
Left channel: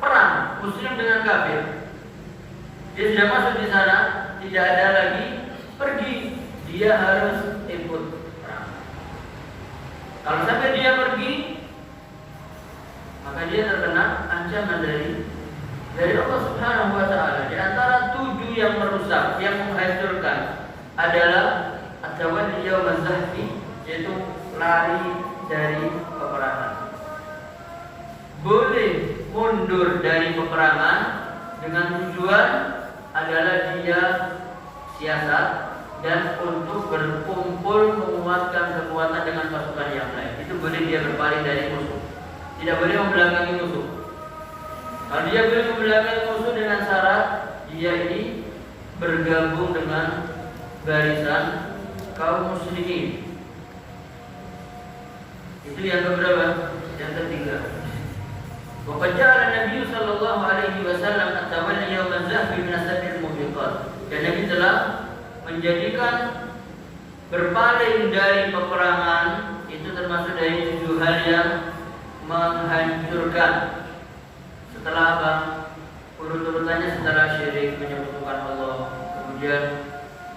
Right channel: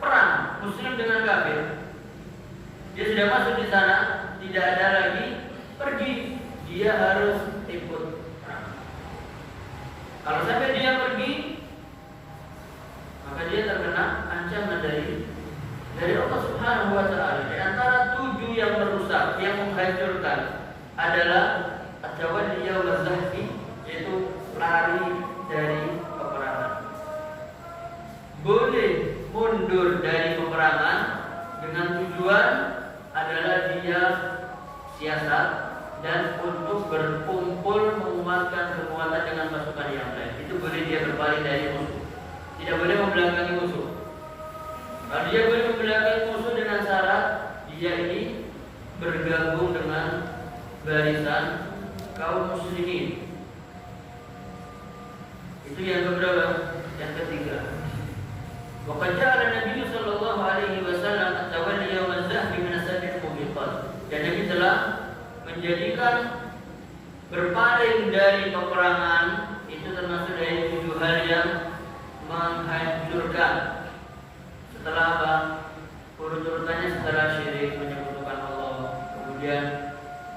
perang muslim dengan kafir. Dia sudah masuk di sana, tidak ada lagi pergi, dia harus ikut perang. Kalau sampai dia pergi, maka dia terkena ancaman dari Allah Subhanahu wa taala. Di antara 7 yang merusak, yang menghancurkan adalah at-tawalli yaum az-zahfi, yaitu lari dari peperangan. Boleh mundur dari peperangan dengan tujuan adalah dia siasat dan untuk berkumpul menguatkan kekuatan dengan pasukan yang lain. Itu boleh dia berpaling dari musuh. Tidak boleh membelakangi musuh. Kalau dia boleh membelakangi musuh dengan syarat dia ini bergabung dengan barisan kaum muslimin. Itu yang keberapa? Yang ketiga. Wa qad ja'ala Nabi sallallahu alaihi wasallam at-tawalli yawm az-zahfi min as-sabil mubiqat. Dan Nabi telah menjadikan berpaling dari peperangan itu termasuk dari 7 hal yang menghancurkan. Setelah apa? Urut-urutannya setelah syirik, menyekutukan Allah, kemudian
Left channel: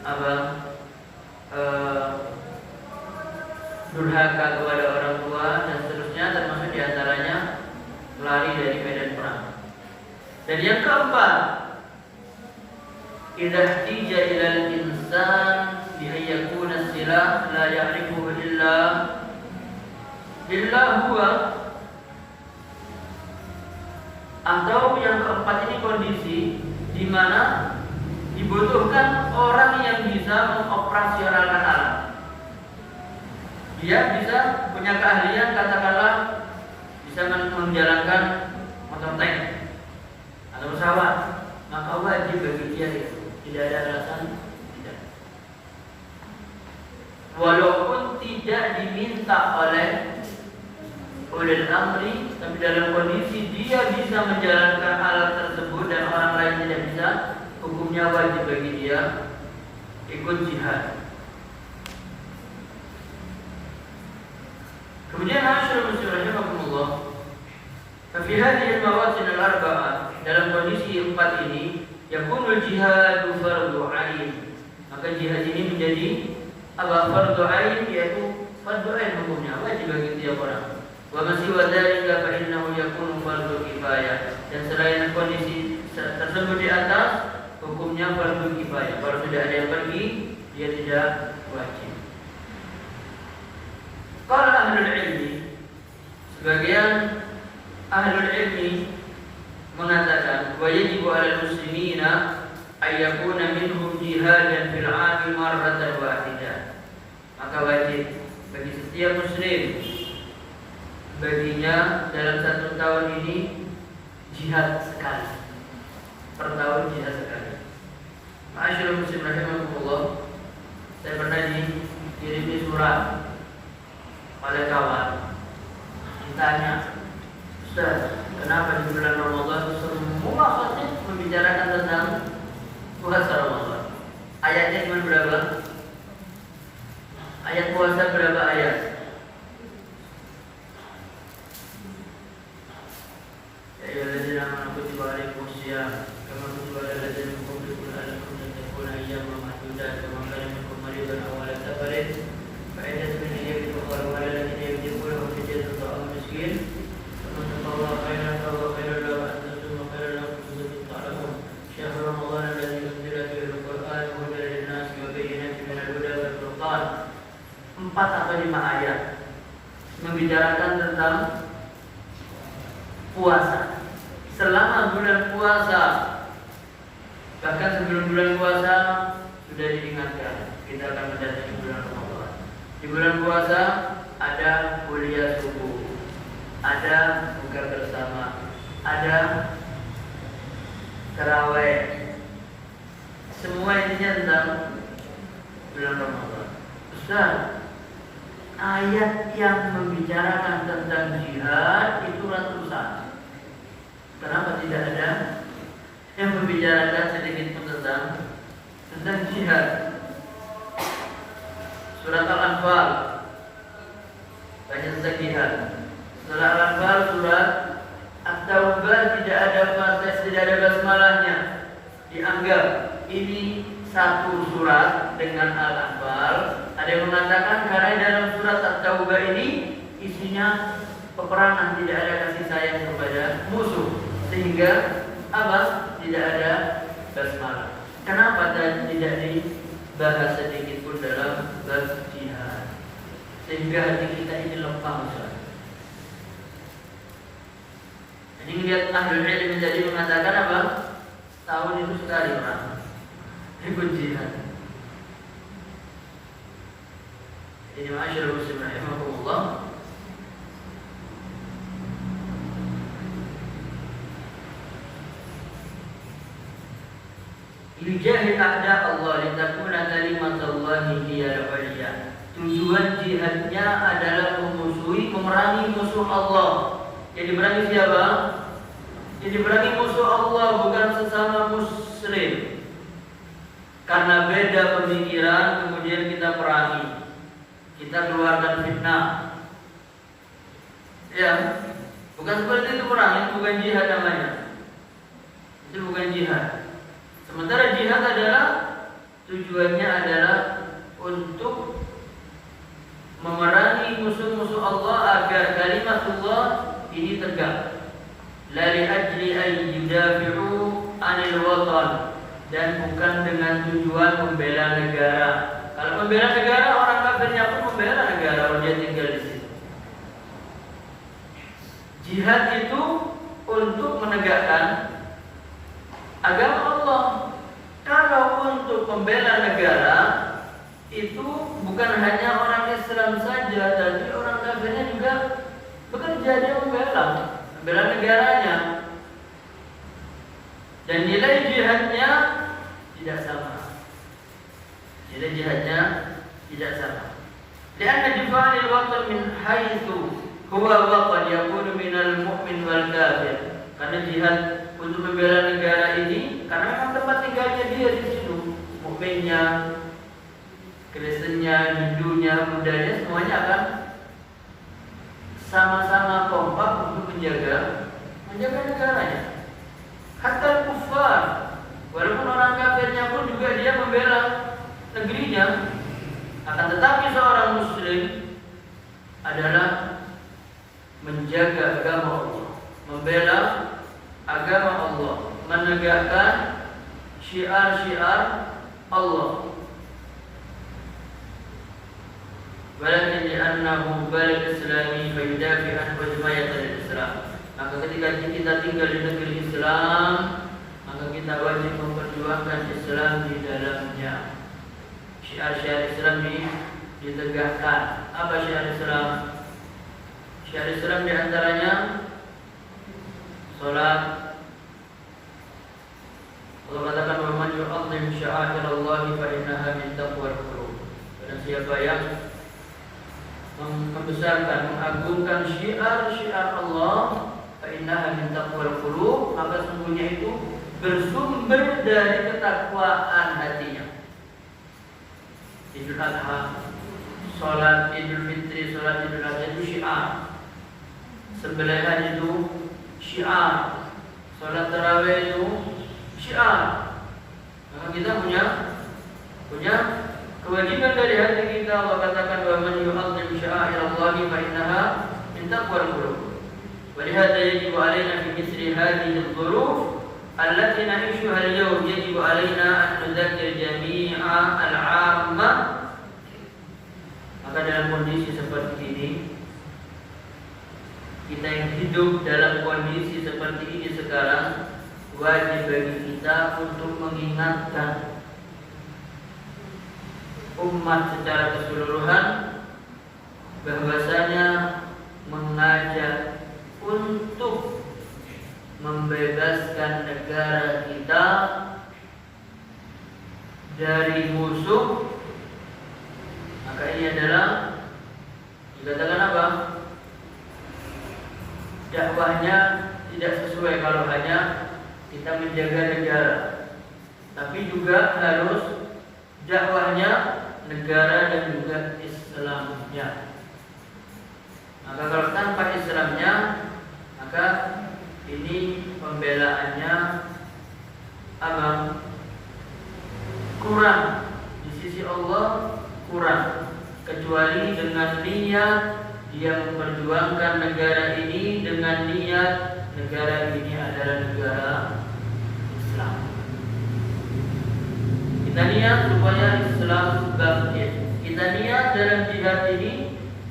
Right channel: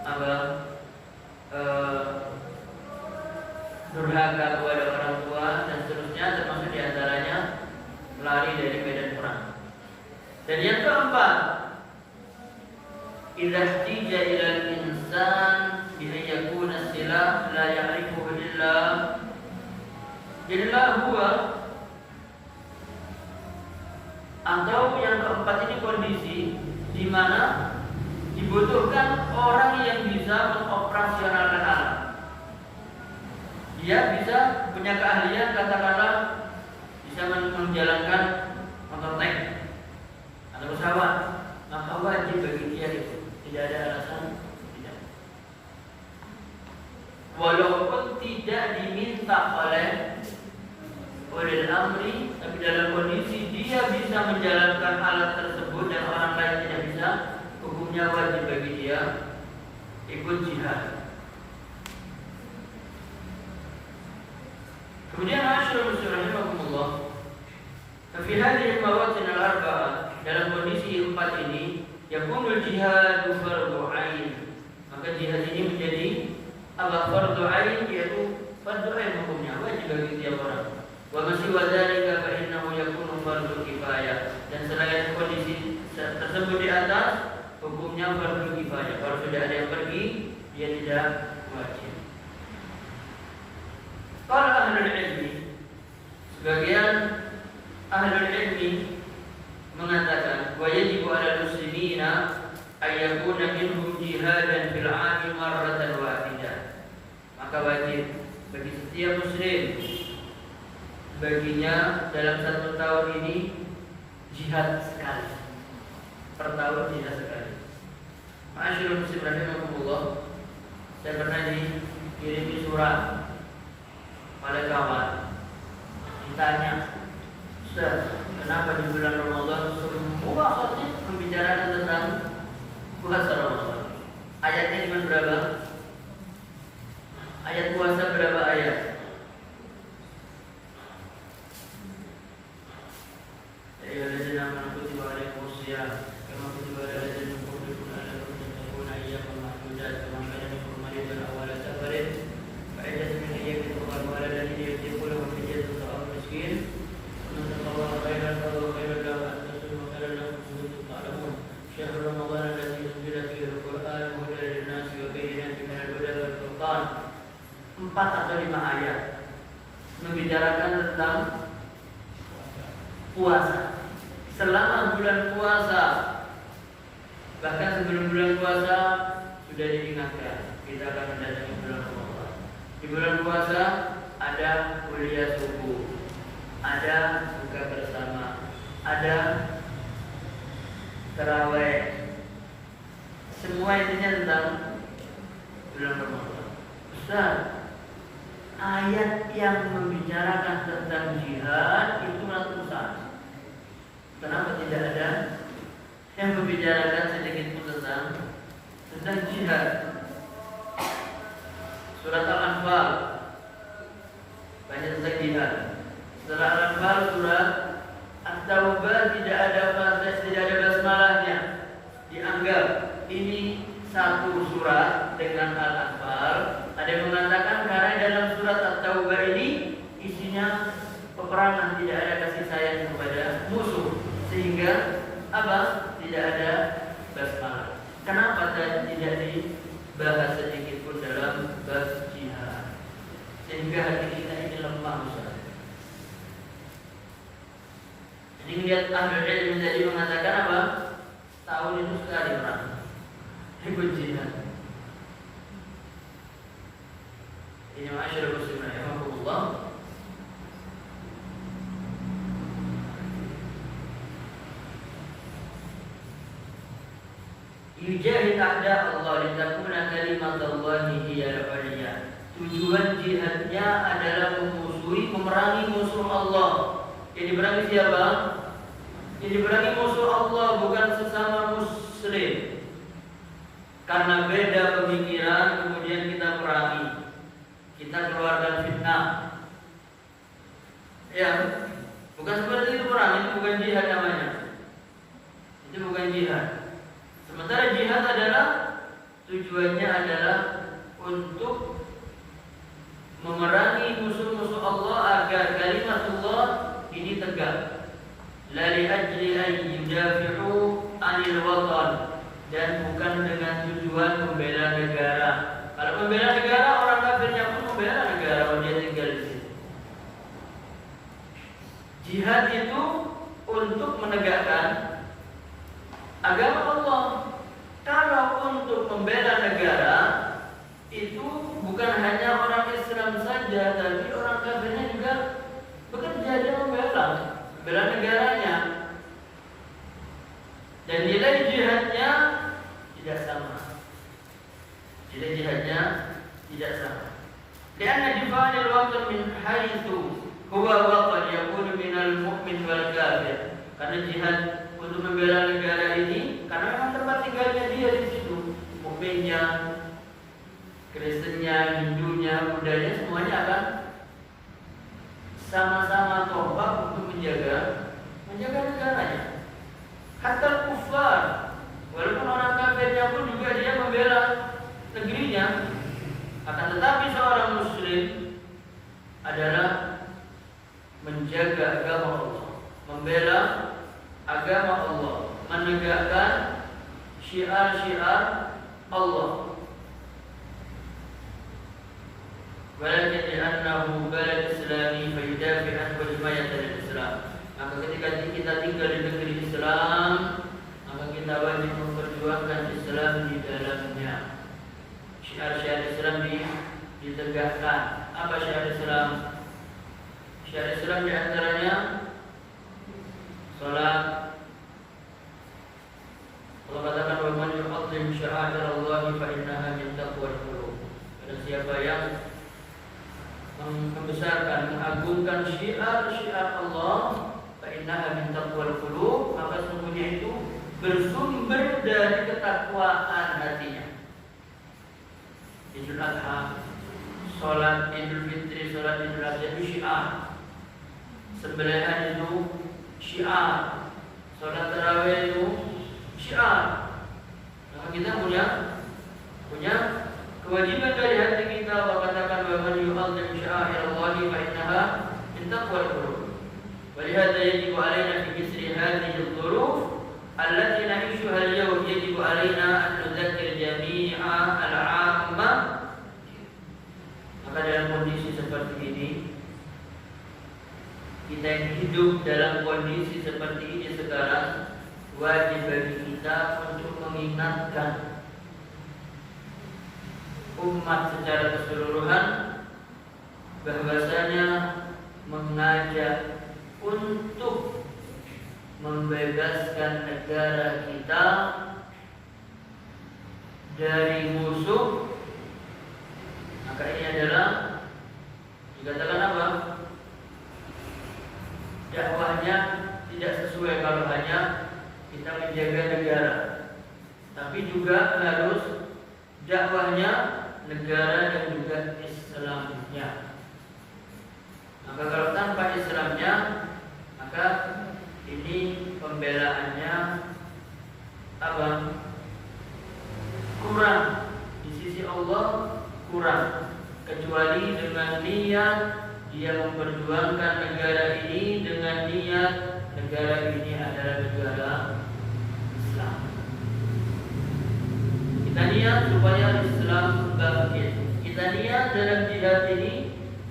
apa? Durhaka kepada orang tua dan seterusnya, termasuk diantaranya lari dari medan perang. Dan yang keempat, idza ihtija ila al-insan bi an yakuna as-silah la ya'rifuhu illa huwa. Atau yang keempat ini kondisi di mana dibutuhkan orang yang bisa mengoperasionalkan alat. Dia bisa punya keahlian, katakanlah bisa menjalankan motor tank atau pesawat, maka wajib bagi dia itu. Tidak ada alasan tidak. Walaupun tidak diminta oleh amri, tapi dalam kondisi dia bisa menjalankan alat tersebut dan orang lain tidak bisa, hukumnya wajib bagi dia ikut jihad. Kemudian masyaallah muslimin rahimakumullah, fi hadhihi al-mawatin al-arba'ah, dalam kondisi empat ini yakunul jihad fardhu ain, maka jihad ini menjadi fardhu ain, yaitu fardhu ain hukumnya wajib bagi tiap orang. Wa masiwa dzalika fa innahu yakunu fardhu kifayah, dan selain kondisi tersebut di atas hukumnya fardhu kifayah. Kalau sudah ada yang pergi, dia tidak wajib. Qala ahlul ilmi, sebagian ahlul ilmi mengatakan wa yajibu 'alal muslimina ay yakuna minhum jihadan fil 'ami marratan wahidah, maka wajib bagi setiap muslim baginya dalam satu tahun ini jihad sekali, per tahun jihad sekali. Ma'asyiral muslimin rahimakumullah, saya pernah dikirimi surat oleh kawan, ditanya, Ustaz, kenapa di bulan Ramadan semua khotib membicarakan tentang puasa Ramadan? Ayatnya cuma berapa? Ayat puasa berapa ayat? Ya ayyuhallazina amanu kutiba alaikumusiyam kama kutiba alal ladzina min qablikum la'allakum tattaqun ayyaman ma'dudat kama kana minkum maridan aw ala safarin fa iddatun min ayyamin ukhra wa lil ladzina yutiquna fidyatun ta'amu miskin faman tatawwa'a khairan fa huwa khairun lahu wa an tasumma khairan lakum in kuntum ta'lamun. Syahrul Ramadan alladzi unzila fihi al-Qur'an hudan lin-nasi wa bayyinatin minal huda wal furqan. 4 atau 5 ayat membicarakan tentang puasa. Selama bulan puasa, bahkan sebelum bulan puasa sudah diingatkan kita akan mendatangi bulan Ramadan. Di bulan puasa ada kuliah subuh, ada buka bersama, ada tarawih. Semua intinya tentang bulan Ramadan. Ustaz, ayat yang membicarakan tentang jihad itu ratusan. Kenapa tidak ada yang membicarakan sedikit pun tentang jihad? Surat Al-Anfal banyak tentang jihad. Setelah Al-Anfal surat At-Taubah tidak ada basmalahnya. Dianggap ini satu surat dengan Al-Anfal. Ada yang mengatakan karena dalam surat At-Taubah ini isinya peperangan, tidak ada kasih sayang kepada musuh, sehingga tidak ada basmalah. Kenapa tidak dibahas sedikit pun dalam bab jihad, sehingga hati kita ini lempang saja. Jadi lihat ahlul ilmi tadi mengatakan apa? Tahun itu sekali orang ikut jihad. Ini masyarakat muslimin rahimahullah. Yujahid a'da Allah litakuna kalimatullahi hiyal 'ulya. Tujuan jihadnya adalah memerangi musuh Allah. Yang diperangi siapa? Yang diperangi musuh Allah, bukan sesama muslim. Karena beda pemikiran kemudian kita perangi, kita keluarkan fitnah. Ya, bukan seperti itu perang, itu bukan jihad namanya. Itu bukan jihad. Sementara jihad adalah tujuannya adalah untuk memerangi musuh-musuh Allah agar kalimatullah ini tegak. La li ajli an yudafi'u 'anil watan, dan bukan bukan dengan tujuan membela negara. Kalau membela negara, orang kafirnya pun membela negara, dia tinggal di situ. Jihad itu untuk menegakkan agama Allah. Kalau untuk membela negara, itu bukan hanya orang Islam saja, tapi orang kafirnya juga bekerja, dia membela negaranya. Dan nilai jihadnya tidak sama. Nilai jihadnya tidak sama. Karena difa'il waqt min haitsu huwa waqt yakunu minal mu'min wal kafir. Karena jihad untuk membela negara ini karena memang tempat tinggalnya dia di situ. Mukminnya, Kristennya, Hindunya, Buddhanya semuanya akan sama-sama kompak untuk menjaga negaranya. Hatta kufar, walaupun orang kafirnya pun juga dia membela negerinya. Akan tetapi seorang muslim adalah menjaga agama Allah, membela agama Allah, menegakkan syiar-syiar Allah. Walakin li'annahu balad islami fayudafi an wajmayat al-Islam. Maka ketika kita tinggal di negeri Islam, maka kita wajib memperjuangkan Islam di dalamnya. Syiar-syiar Islam ditegakkan. Apa syiar Islam? Syiar Islam di antaranya salat. Allah katakan wa man yu'azzim sya'air Allah fa innaha min taqwal qulub. Dan siapa yang membesarkan, mengagungkan syiar-syiar Allah, fa innaha min taqwal qulub, maka sesungguhnya itu bersumber dari ketakwaan hatinya. Idul Adha, salat Idul Fitri, salat Idul Adha itu syiar. Sembelihan itu syiar. Salat tarawih itu syiar. Maka kita punya kewajiban dari hati kita. Allah katakan bahwa man yu'azzim sya'air Allah fa innaha min taqwal qulub. Wa lihadza yajibu 'alaina fi mithli hadhihi adh-dhuruf allati na'ishuha al-yawm yajibu 'alaina an nudzakkir jami'a al-'ammah. Maka dalam kondisi seperti ini, kita yang hidup dalam kondisi seperti ini sekarang, wajib bagi kita untuk mengingatkan umat secara keseluruhan bahwasanya mengajak untuk membebaskan negara kita dari musuh. Maka ini adalah dikatakan apa? Dakwahnya tidak sesuai kalau hanya kita menjaga negara, tapi juga harus dakwahnya negara dan juga Islamnya. Maka kalau tanpa Islamnya, maka ini pembelaannya apa? Kurang di sisi Allah, kurang, kecuali dengan niat dia memperjuangkan negara ini, dengan niat negara ini adalah negara Islam. Kita niat supaya Islam bangkit. Kita niat dalam jihad ini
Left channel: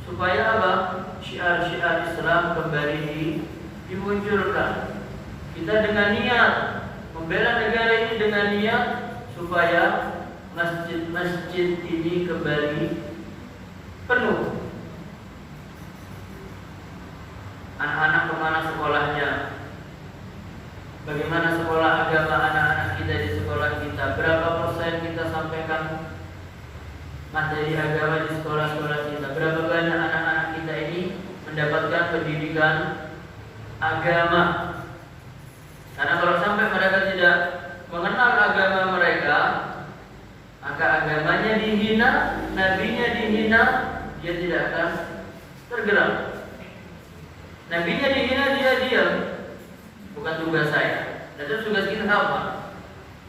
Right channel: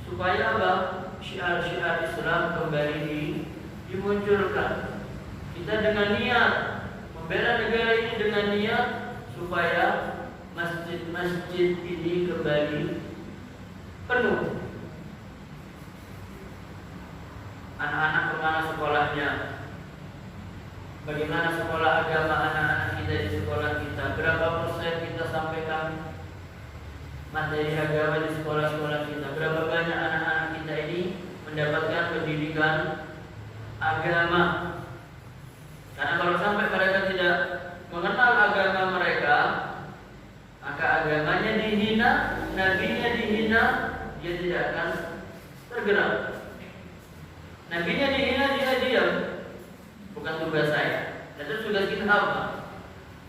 supaya apa? Syiar-syiar Islam kembali dimunculkan. Kita dengan niat membela negara ini, dengan niat supaya masjid-masjid ini kembali penuh. Anak-anak kemana sekolahnya? Bagaimana sekolah agama anak-anak kita di sekolah kita? Berapa persen kita sampaikan materi agama di sekolah-sekolah kita? Berapa banyak anak-anak kita ini mendapatkan pendidikan agama? Karena kalau sampai mereka tidak mengenal agama mereka, maka agamanya dihina, nabinya dihina, dia tidak akan tergerak. Nabinya dihina, dia diam. Bukan tugas saya. Dan itu tugas kita apa?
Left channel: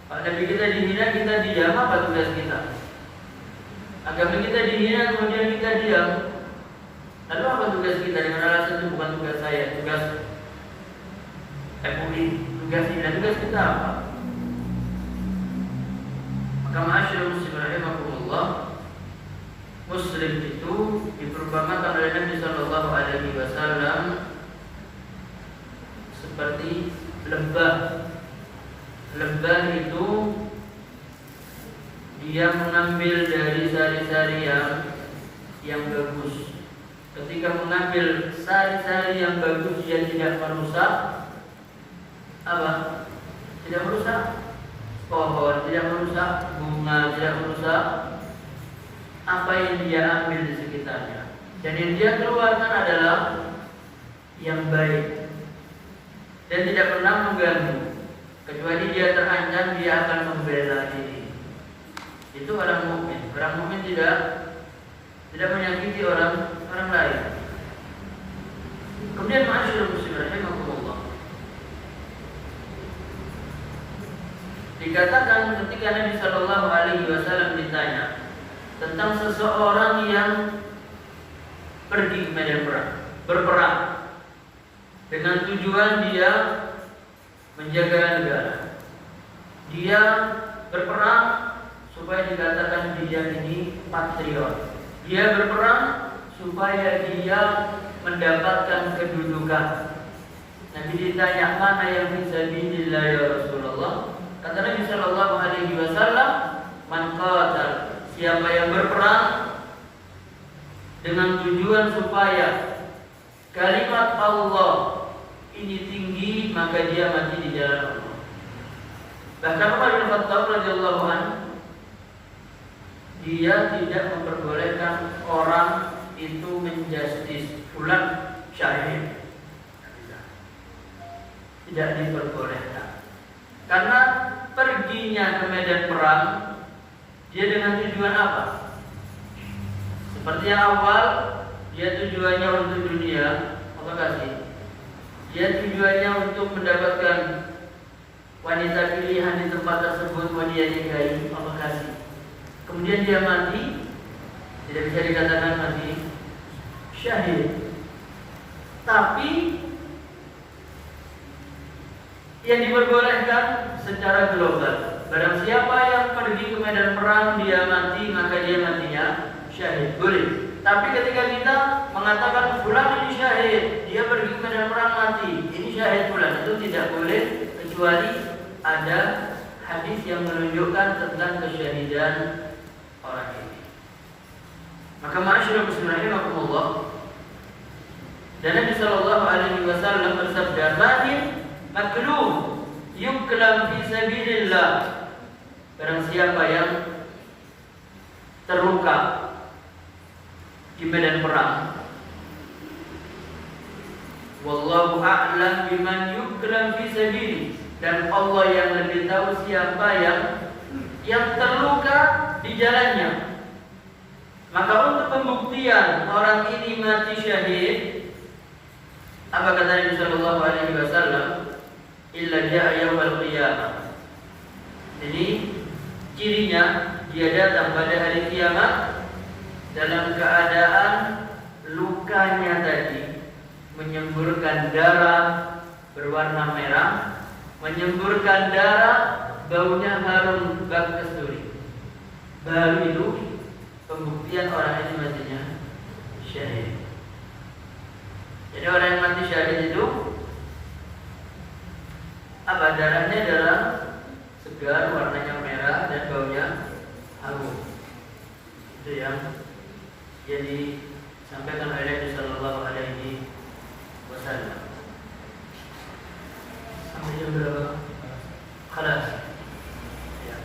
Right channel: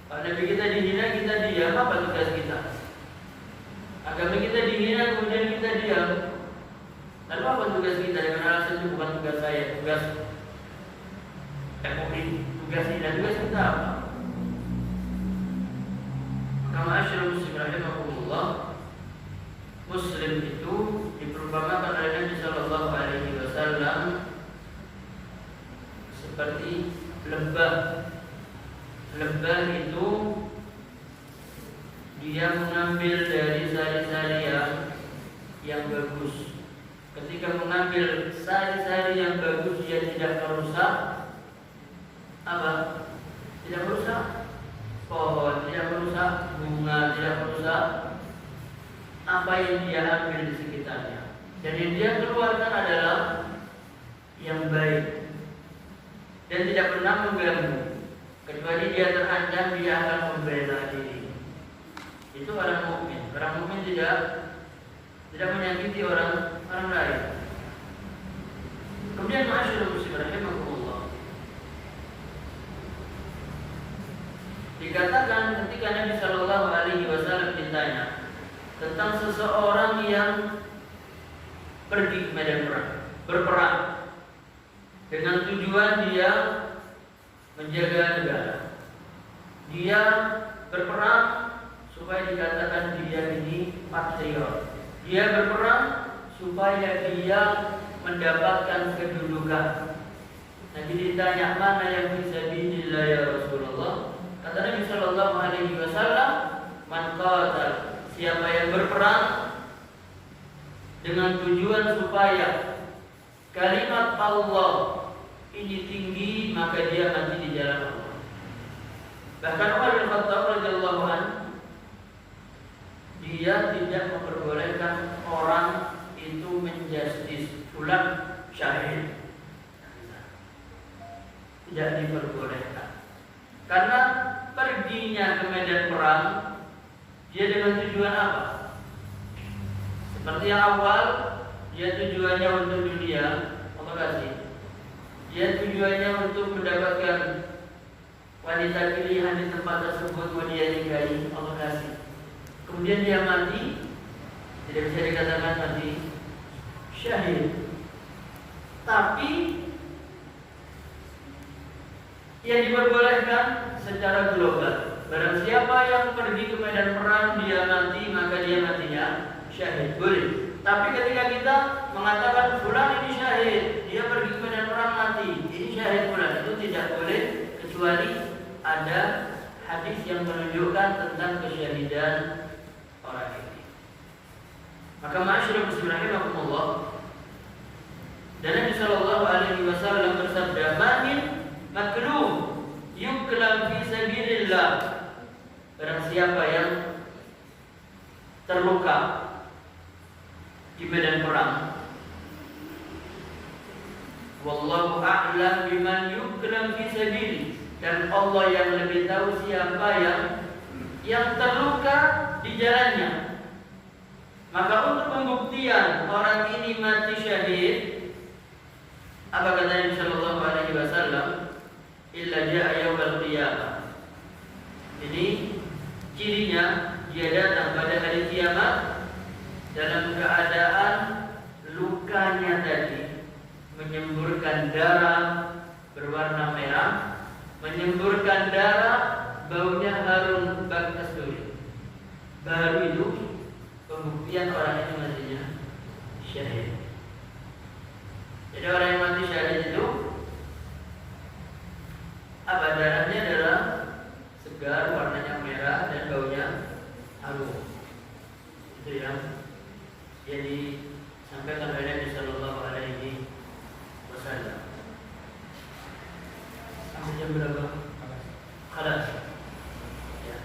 Kalau Nabi kita dihina, kita diam, apa tugas kita? Agama kita dihina, kemudian kita diam. Lalu apa tugas kita? Dengan alasan itu bukan tugas saya, tugas Republik, tugas kita apa? rahimakumullah, Muslim itu diperumpamakan oleh Nabi Sallallahu Alaihi Wasallam seperti lebah. Lebah itu dia mengambil dari sari-sari yang bagus. Ketika mengambil sari-sari yang bagus, dia tidak merusak apa? Tidak merusak pohon, tidak merusak bunga, tidak merusak apa yang dia ambil di sekitarnya. Jadi dia keluarkan adalah yang baik dan tidak pernah mengganggu. Kecuali dia terancam, dia akan membela diri. Itu orang mukmin. Orang mukmin tidak menyakiti orang lain. Kemudian ma'asyiral muslimin rahimakumullah, dikatakan ketika Nabi Sallallahu Alaihi Wasallam ditanya tentang seseorang yang pergi ke medan perang, berperang dengan tujuan dia menjaga negara. Dia berperang supaya dikatakan dia ini patriot. Dia berperang supaya dia mendapatkan kedudukan. Nabi ditanya, mana yang fisabilillah ya Rasulullah? Kata Nabi Sallallahu Alaihi Wasallam, man qatal, siapa yang berperang dengan tujuan supaya kalimat Allah ini tinggi, maka dia mati di jalan Allah. Bahkan Umar bin Khattab radhiyallahu anhu, dia tidak memperbolehkan orang itu menjustis fulan syahid. Tidak diperbolehkan. Karena perginya ke medan perang dia dengan tujuan apa? Seperti yang awal, dia tujuannya untuk dunia, Allah kasih. Dia tujuannya untuk mendapatkan wanita pilihan di tempat tersebut, mau dia nikahi, Allah kasih. Kemudian dia mati, tidak bisa dikatakan mati syahid. Tapi yang diperbolehkan secara global, barang siapa yang pergi ke medan perang dia mati, maka dia matinya syahid, boleh. Tapi ketika kita mengatakan fulan ini syahid, dia pergi ke medan perang mati, ini syahid fulan, itu tidak boleh kecuali ada hadis yang menunjukkan tentang kesyahidan orang ini. Maka ma'asyiral muslimin rahimakumullah, dan Nabi Sallallahu Alaihi Wasallam bersabda, "Bahin maklum yuklam fi sabilillah." Barang siapa yang terluka di medan perang, wallahu a'lam biman yuklam fi sabili, dan Allah yang lebih tahu siapa yang terluka di jalannya. Maka untuk pembuktian orang ini mati syahid, apa kata Nabi Sallallahu Alaihi Wasallam? Illa ja'a yaumil qiyamah. Jadi cirinya dia datang pada hari kiamat dalam keadaan lukanya tadi menyemburkan darah berwarna merah, menyemburkan darah baunya harum bak kasturi. Baru itu pembuktian orang ini matinya syahid. Jadi orang yang mati syahid itu apa? Darahnya adalah segar, warnanya merah dan baunya harum. Itu yang disampaikan oleh Nabi Sallallahu Alaihi Wasallam. Sampai jam berapa? Khalas. Ya.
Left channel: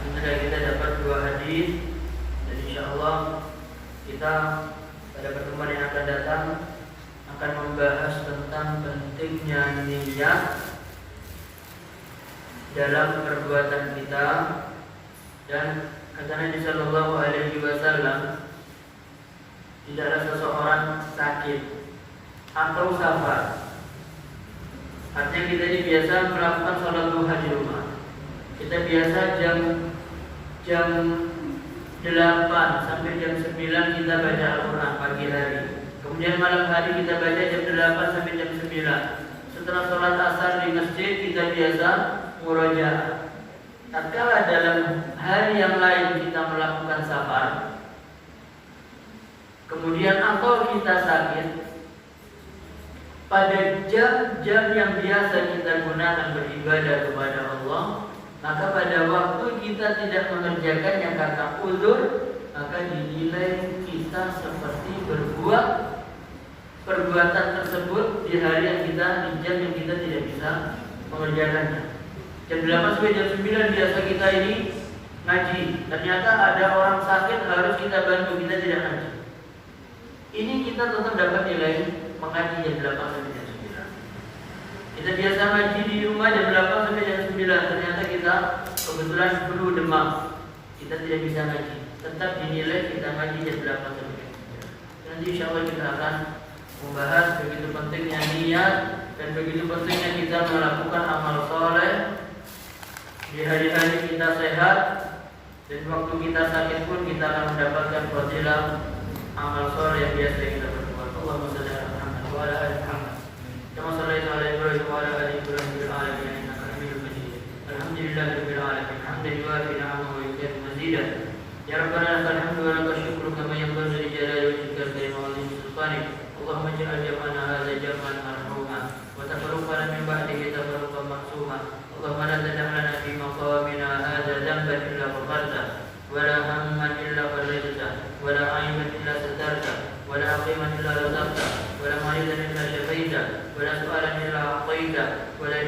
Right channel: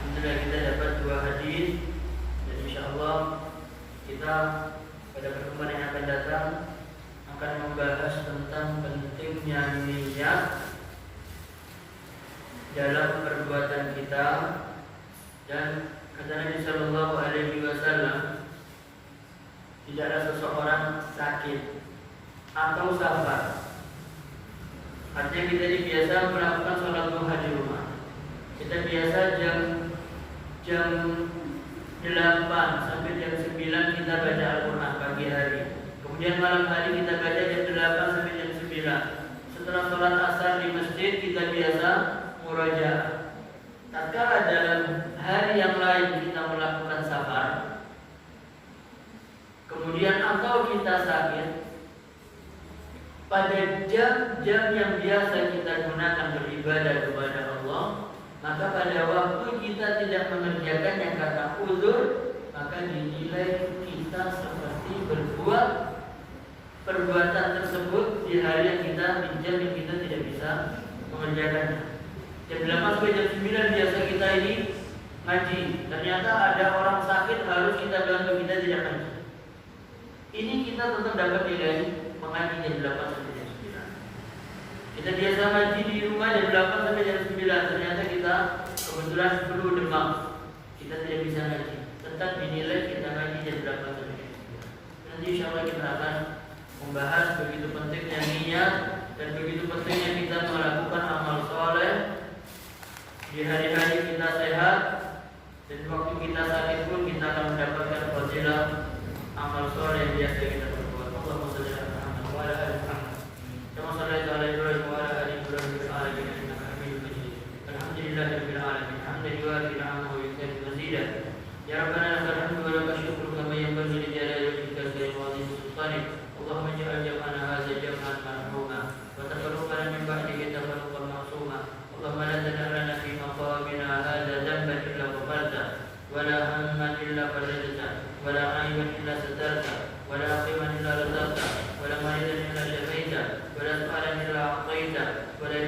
Sudah kita dapat 2 hadis, dan insyaallah kita pada pertemuan yang akan datang akan membahas tentang pentingnya niat dalam perbuatan kita. Dan kata Nabi Sallallahu Alaihi Wasallam, tidaklah seseorang sakit atau safar, artinya kita biasa melakukan sholat duha di rumah. Kita biasa jam 8 sampai jam 9 kita baca Al-Quran pagi hari. Kemudian malam hari kita baca jam 8 sampai jam 9. Setelah sholat asar di masjid kita biasa murojaah. Tatkala dalam hari yang lain pada jam-jam yang biasa kita gunakan beribadah kepada Allah, maka pada waktu kita tidak mengerjakannya karena uzur, maka dinilai kita seperti berbuat perbuatan tersebut di hari yang kita, di jam yang kita tidak bisa mengerjakannya. Jam 8 sampai jam 9 biasa kita ini ngaji. Ternyata ada orang sakit harus kita bantu, kita tidak ngaji. Ini kita tetap dapat nilai mengaji jam 8 sampai jam 9. Kita biasa ngaji di rumah jam 8 sampai jam 9. Ternyata kita kebetulan flu demam, kita tidak bisa ngaji. Tetap dinilai kita ngaji jam 8 sampai jam 9. Nanti insya Allah kita akan membahas begitu pentingnya niat dan begitu pentingnya kita melakukan amal soleh di hari-hari kita sehat, dan waktu kita sakit pun kita akan mendapatkan fadilah amal soleh yang biasa kita lakukan. Allahumma shalli ala Muhammad wa ala ali Muhammad kama shallaita ala Ibrahim wa ala ali Ibrahim fil alamin innaka Hamidum Majid. Alhamdulillahirabbil alamin hamdan yuwafi ni'amahu wa yukafi mazidah. Ya Rabbana lakal hamdu wa lakal syukru kama yanbaghi li jalali wajhikal karim wa 'azimi sultanik. Allahumma ij'al jam'ana hadza jam'an marhuma wa tafarraqana min ba'dihi tafarruqan ma'suma. Allahumma la tad'a lana fi maqamina hadza dhanban illa ghafarta wa la hamman illa farajta wa la 'ayban illa satarta wa la aqiman illa razaqta wa la maridan illa shafaita wa la su'alan illa a'taita wa la